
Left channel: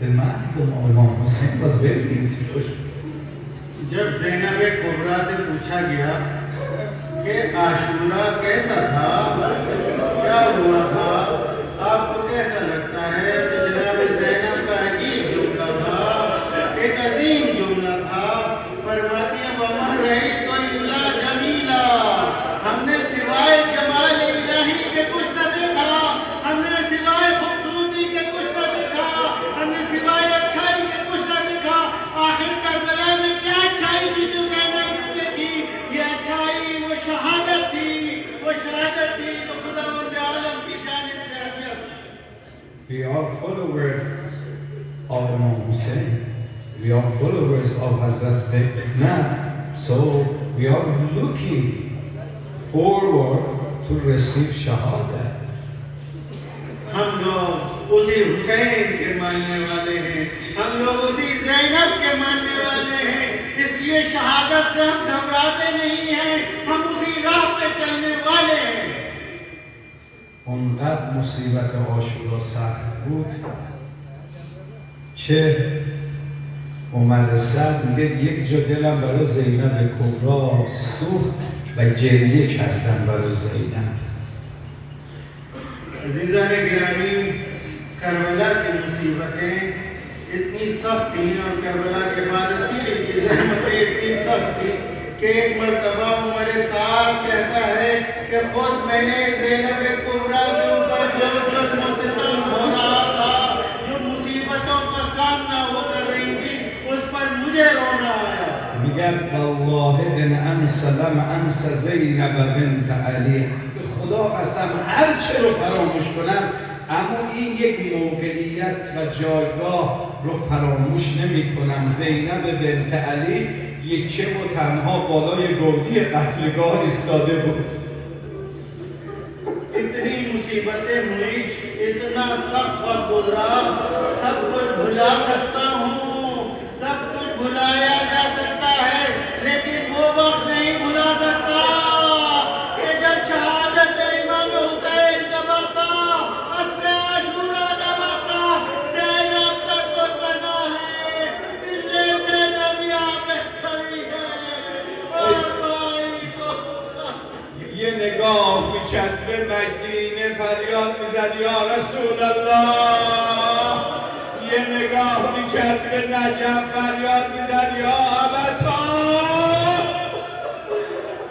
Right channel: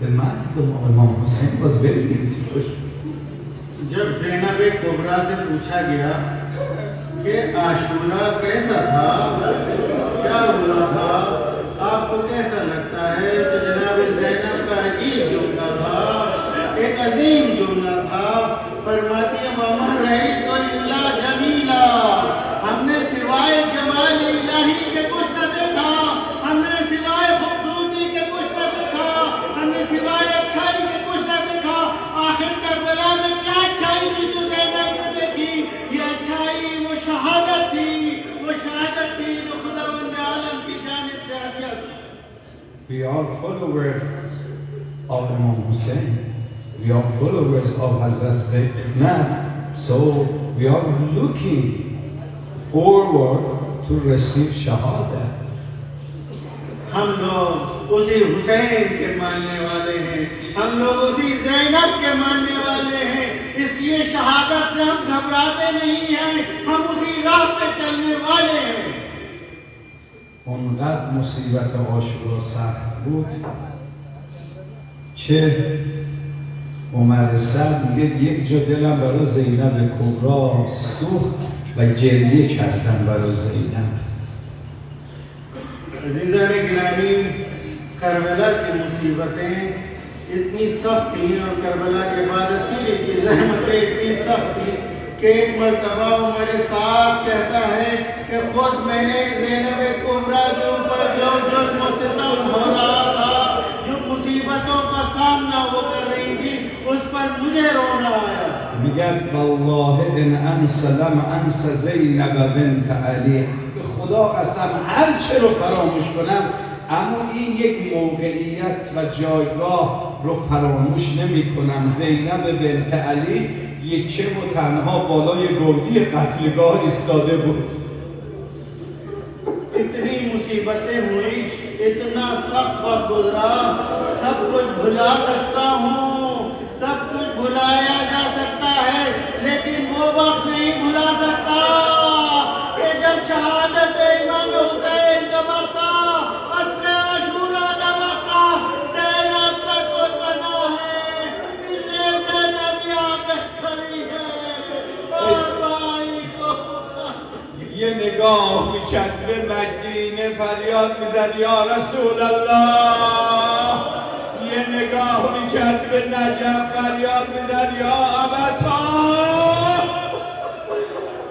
The martyrdom of Imam Hussein was very beautiful. जब ज़ैनब कुबरा से पूछा गया कि आशूरा कैसा था, क्या हुआ था, आपको कैसा लगता है, तो We are followers of Hazrat Zainab, so we are looking forward to receive Shahada. हम लोग उसी हुसैन के मानने वाले हैं, हम लोग उसी ज़ैनब के मानने वाले हैं, इसलिए शहादत से हम घबराते नहीं हैं, हम उसी राह पे चलने वाले हैं। اونقدر مصیبت عاشورا سخت بود که عمر سعد میگه یک جا دلم برای زینب کبرا سوخت و گریه کردم برای زینب. अज़ीज़ान गिरामी, करबला की मुसीबतें इतनी सख्त थी और करबला के बाद असीरी की ज़हमतें इतनी सख्त थी कि एक मरतबा उमर साहब कहता है कि खुद मैंने ज़ैनब कुबरा के ऊपर जो जुल्म और सितम हो रहा था, जो मुसीबतों का सामना वो कर रही थी, उस पर मुझे रोना आया। میگه والله ان انسلم انس زینب بنت علی، به خدا قسم هر چه رو فراموش کنم اما این یک موقعیت و جایگاه رو فراموش نمی کنم. زینب بنت علی یکه و تنها بالای گودی قتلگاه ایستاده بود. इतनी मुसीबतें हुई, इतना सख्त वक्त गुजरा, सब कुछ भुला सकता हूँ, सब कुछ भुलाया जा सकता है, लेकिन वो वक्त नहीं भुला सकता कि जब शहादत इमाम हुसैन का वक्त था, असर आशूरा का वक्त था, ज़ैनब का कोई बना है, पिल्ले ज़ैनब यहाँ पे खड़ी है और भाई को یه نگاه میکرد به مدینه، فریاد میزد یا رسول الله. یه نگاه میکرد به نجف، فریاد میزد یا ابتا.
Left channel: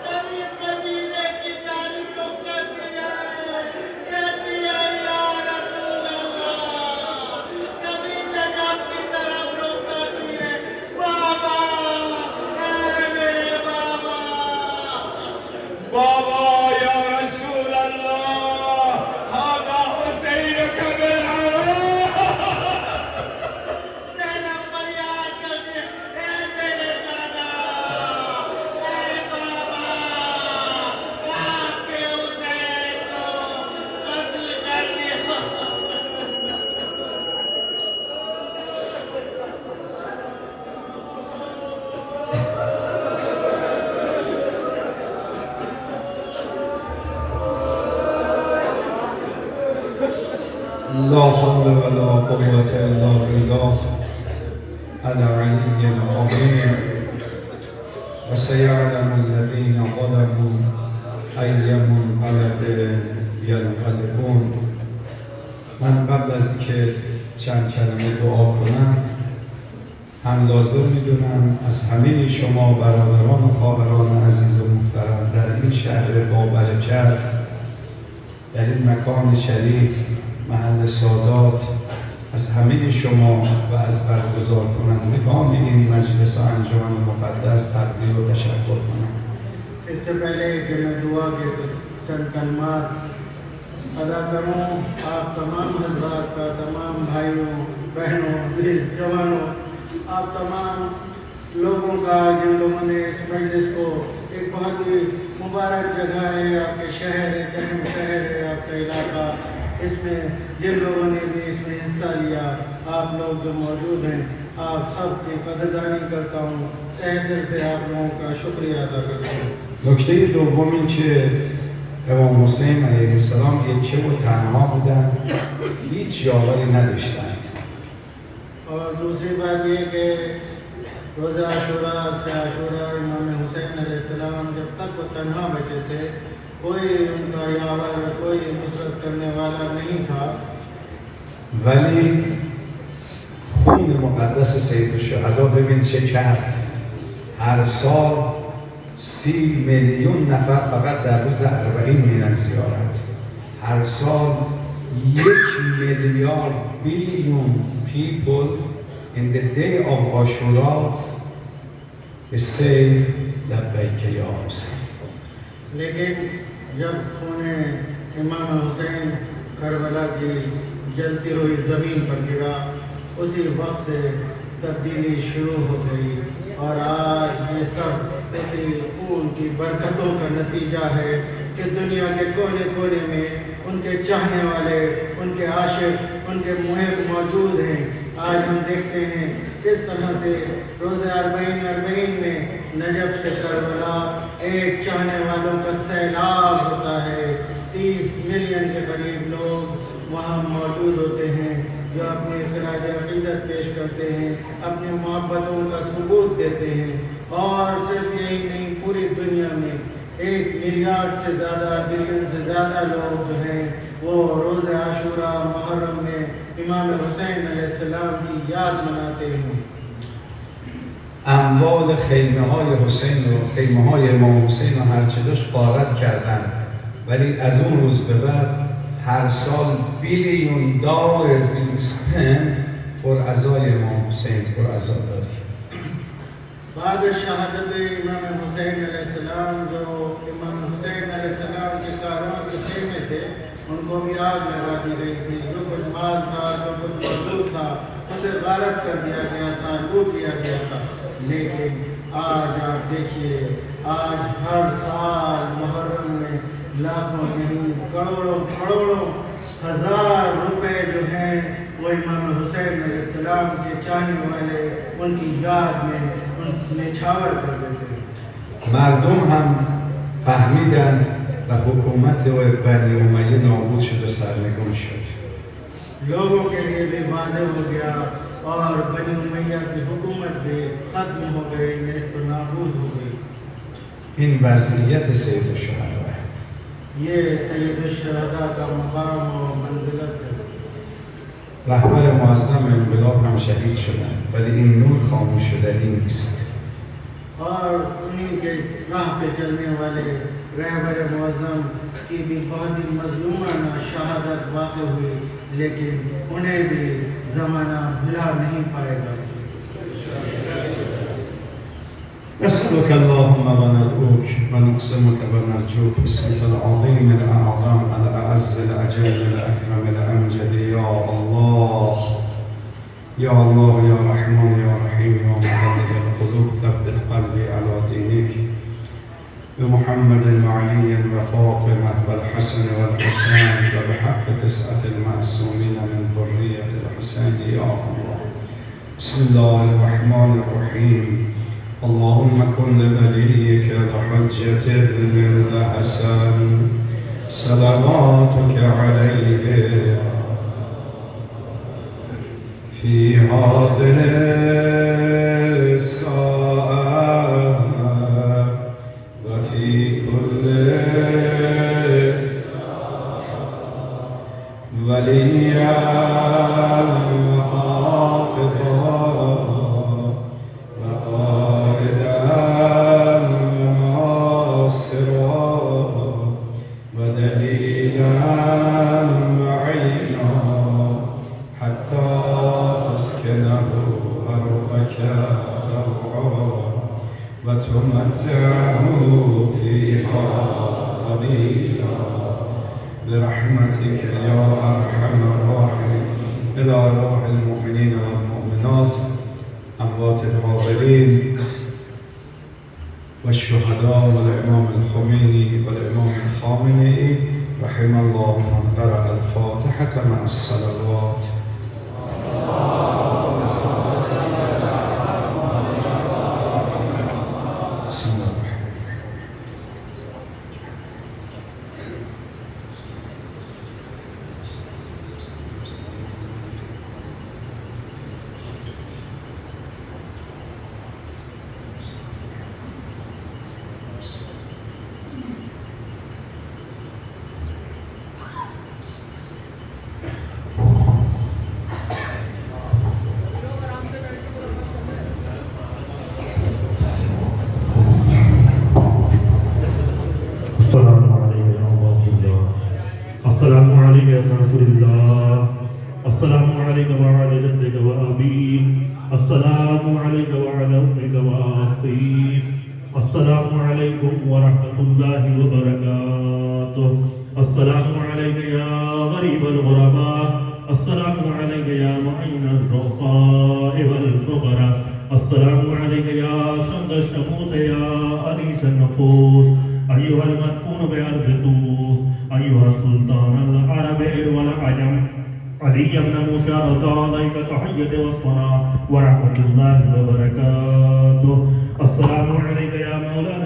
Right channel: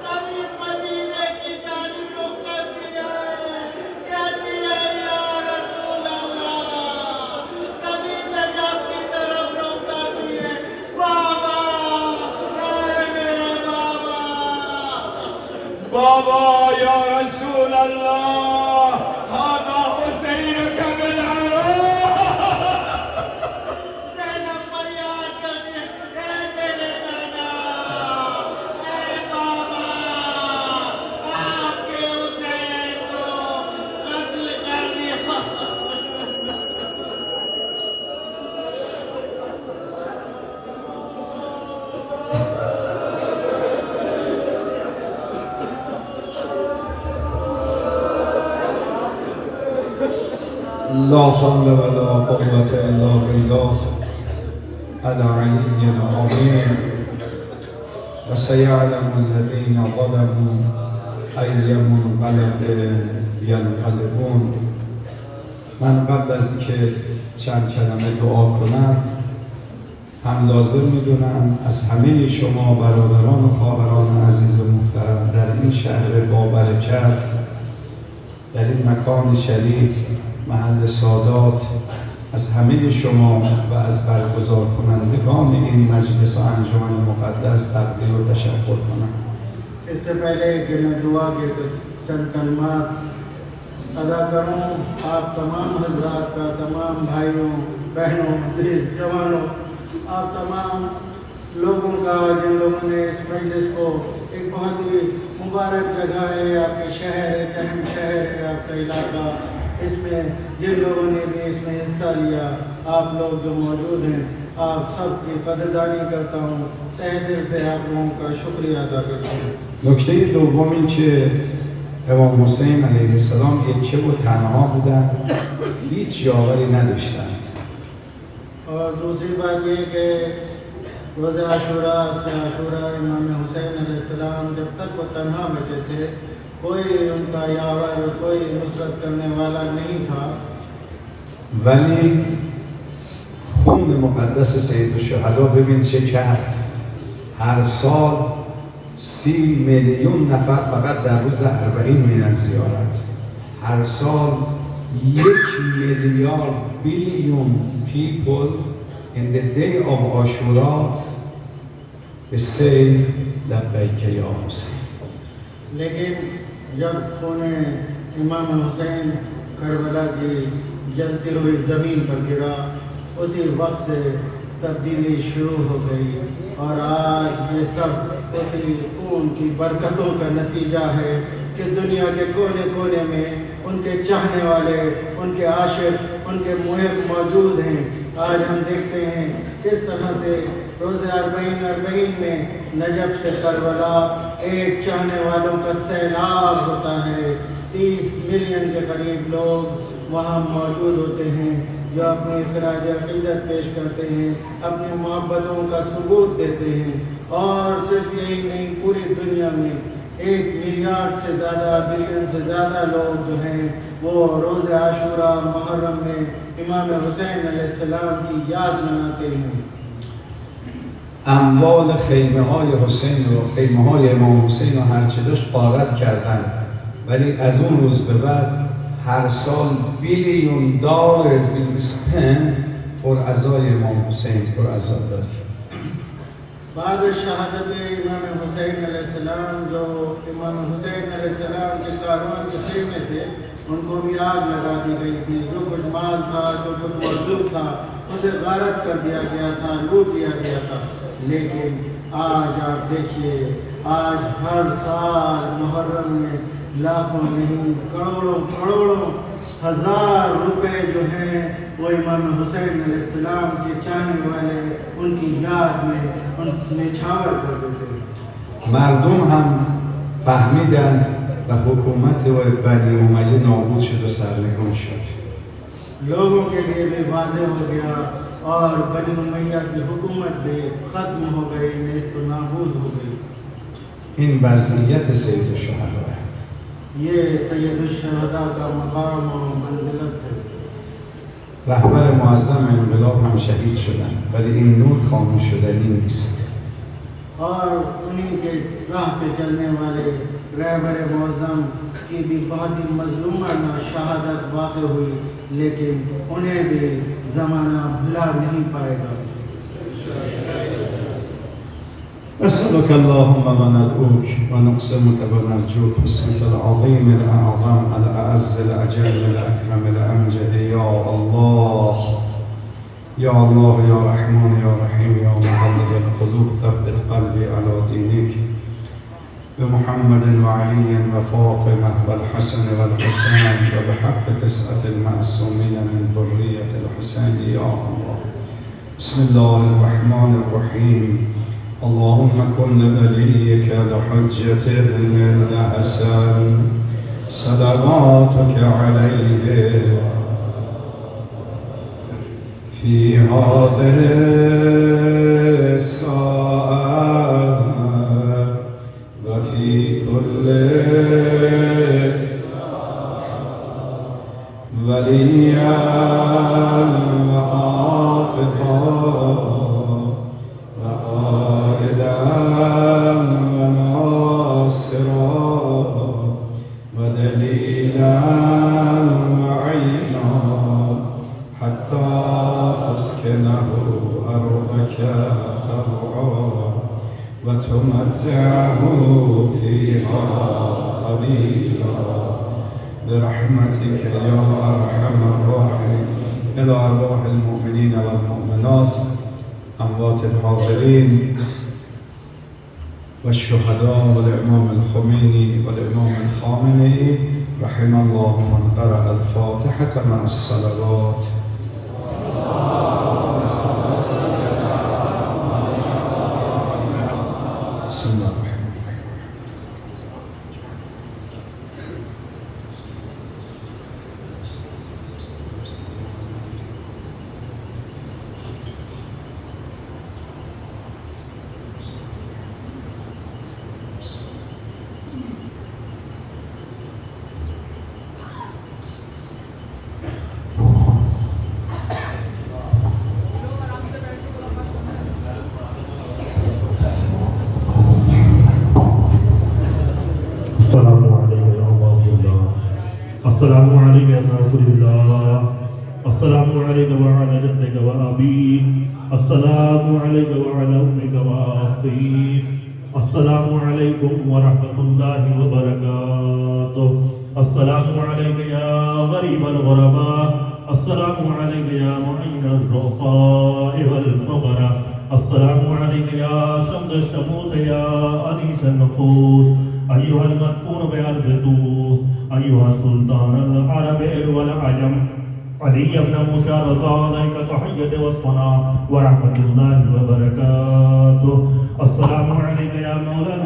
कभी मदीने की जानिब रुख कर दिया है, कहती है या रसूल अल्लाह। कभी नजफ की तरफ रुख कर दिए, बाबा, ए मेरे बाबा। بابا یا رسول الله هذا حسین ज़ैनब फरियाद करती है, ए मेरे दादा, ए बाबा, आपके हुसैन को कत्ल कर दिया। لا حول ولا قوة إلا بالله العلي العظيم. وسيعلم الذين ظلموا أي منقلب ينقلبون. من قبل از اینکه چند کلمه دعا کنم هم لازم میدونم از همه شما برادران و خواهران عزیز و محترم در این شهر بابرکت، در این مکان شریف، محل سادات، از همه شما و از برگزار کنندگان این مجلس و انجمن مقدس تقدیر و تشکر کنم. इससे पहले कि मैं दुआ के कुछ चंद कलमात अदा करूँ, आप तमाम हज़रात का, तमाम भाइयों बहनों जवानों, आप तमाम लोगों का जिन लोगों ने इस मजलिस को एक बहुत ही मुबारक जगह है, आपके शहर है, अहम शहर है आपका इलाका, इसमें जिन लोगों ने भी इसमें हिस्सा लिया, आप लोग जो मौजूद हैं, आप सबकी कदरदानी करता हूँ, तहे दिल से आप लोगों का शुक्रिया अदा करता हूँ। نکته دوم این که امام حسین علیه السلام یکه و تنها بودن، هیچ یاوری نداشتند. और दूसरी बात ये कि रोज़ आशूरा से आशूरा इमाम हुसैन अलैहिस्सलाम जब तक वो तन्हा बचे थे, कोई उनका यावर, कोई नुसरत करने वाला नहीं था। ولی خون مقدس سید الشهدا ببین چه کرد. هر سال 30 میلیون نفر فقط در روز 40 میرن زیارت. هر سال 1 میلیارد billion people in the day of Ashura say لبیک یا حسین. लेकिन जब खून इमाम हुसैन करबला की जलती हुई ज़मीन पर गिरा, उसी वक्त से तब्दीली शुरू हो गई और आज ये सब उसी खून की बरकतों का नतीजा है कि दुनिया के कोने कोने में उनके चाहने वाले, उनके आशिक, उनके मुहिब मौजूद हैं। आज हम देखते हैं किस तरह से रोज़े अरबईन में नजफ से करबला एक चाहने वालों का सैलाब होता है। 30 मिलियन के करीब लोग वहाँ मौजूद होते हैं जो अपनी खराज अक़ीदत पेश करते हैं, अपनी मोहब्बतों का सबूत देते हैं। और सिर्फ यही नहीं, पूरी दुनिया में 1 मिलियन से ज़्यादा, बिलियन से ज़्यादा लोग जो हैं वो रोज़े आशूरा मुहर्रम में इमाम हुसैन अलैहिस्सलाम की याद मनाते हैं। اموال خیمه های حسین و خیمه های امام حسین و هرچه داشت غارت کردن، ولی از اون روز به بعد هر سال بیلیون دلار being spent for عزای امام حسین، for عزاداری. بعد शहादत इमाम हुसैन अलैहिस्सलाम, जो इमाम हुसैन अलैहिस्सलाम के कारवां के खेमे थे, उनको भी आग लगा दी गई थी। जो कुछ माल था, जो कुछ मौजूद था, उसे गारत कर दिया गया था, लूट लिया गया था। लेकिन आज आप देखिए, आज हर साल मुहर्रम में लाखों नहीं, करोड़ों करोड़ों हजार रुपए जो हैं वो इमाम हुसैन अलैहिस्सलाम के चाहने वाले उनकी याद में निछावर कर देते हैं। مردم هم فهمیدن و حکومت بنی امیه نابود شد و سرنگون شد. लोगों के लिए भी वाज़ेह हो गया और बनी उमैया की हुकूमत भी ख़त्म हो गई, नेस्त नाबूद हो गई। این وضعیت سید الشهدا है. ये सैयद शुहदा का मकाम और मंजिलत है। رهبر معظم انقلاب هم شهید شدن، ولی این نور خاموش شدنی نیست. और उन्हीं के राह पे चलने वाले रहबर मुअज़्ज़म की भी बहुत ही मज़लूमाना शहादत वाक़ हुई, लेकिन उन्हें भी ज़माना भुला नहीं पाएगा। نسألك اللهم وندعوك ونقسمك ونرجوك باسمك العظيم الأعظم الأعز الأجل الأكرم الأمجد يا الله يا الله يا رحمن يا رحيم يا مقلب القلوب ثبت قلبي على دينك بمحمد وعلي وفاطمة والحسن والحسين وبحق 9 المعصومين من ذرية الحسين يا الله. بسم الله الرحمن الرحيم. اللهم كن لوليك الحجة ابن الحسن صلواتك عليه في هذه الساعة وفي كل وليا وحافظا وقائدا وناصرا ودليلا وعينا حتى تسكنه أرضك طوعا وتمتعه فيها طويلا برحمتك يا أرحم الراحمين. إلى أرواح المؤمنين والمؤمنات أموات الحاضرين والشهداء والإمام الخميني والإمام الخامنئي رحم الله من قرأ الفاتحة مع الصلوات. بسم الله الرحمن الرحيم. अस्सलामु अलैका या गरीब अल-गुरबा अस्सलामु अलैका या मुईन अर्रुफ़ा'i वल फ़ुक़रा अस्सलामु अलैका या शम्स अश-शमूस या अनीस अन-नुफूस अय्युहल मदफून बिअर्ज़ तूस अय्युहा सुल्तान अल-अरब वल अजम अली इब्न मूसा अलैका तहिय्यत व सना व रहमतुल्लाहि व बरकातुहू अस्सलामु अलैका या मौलाना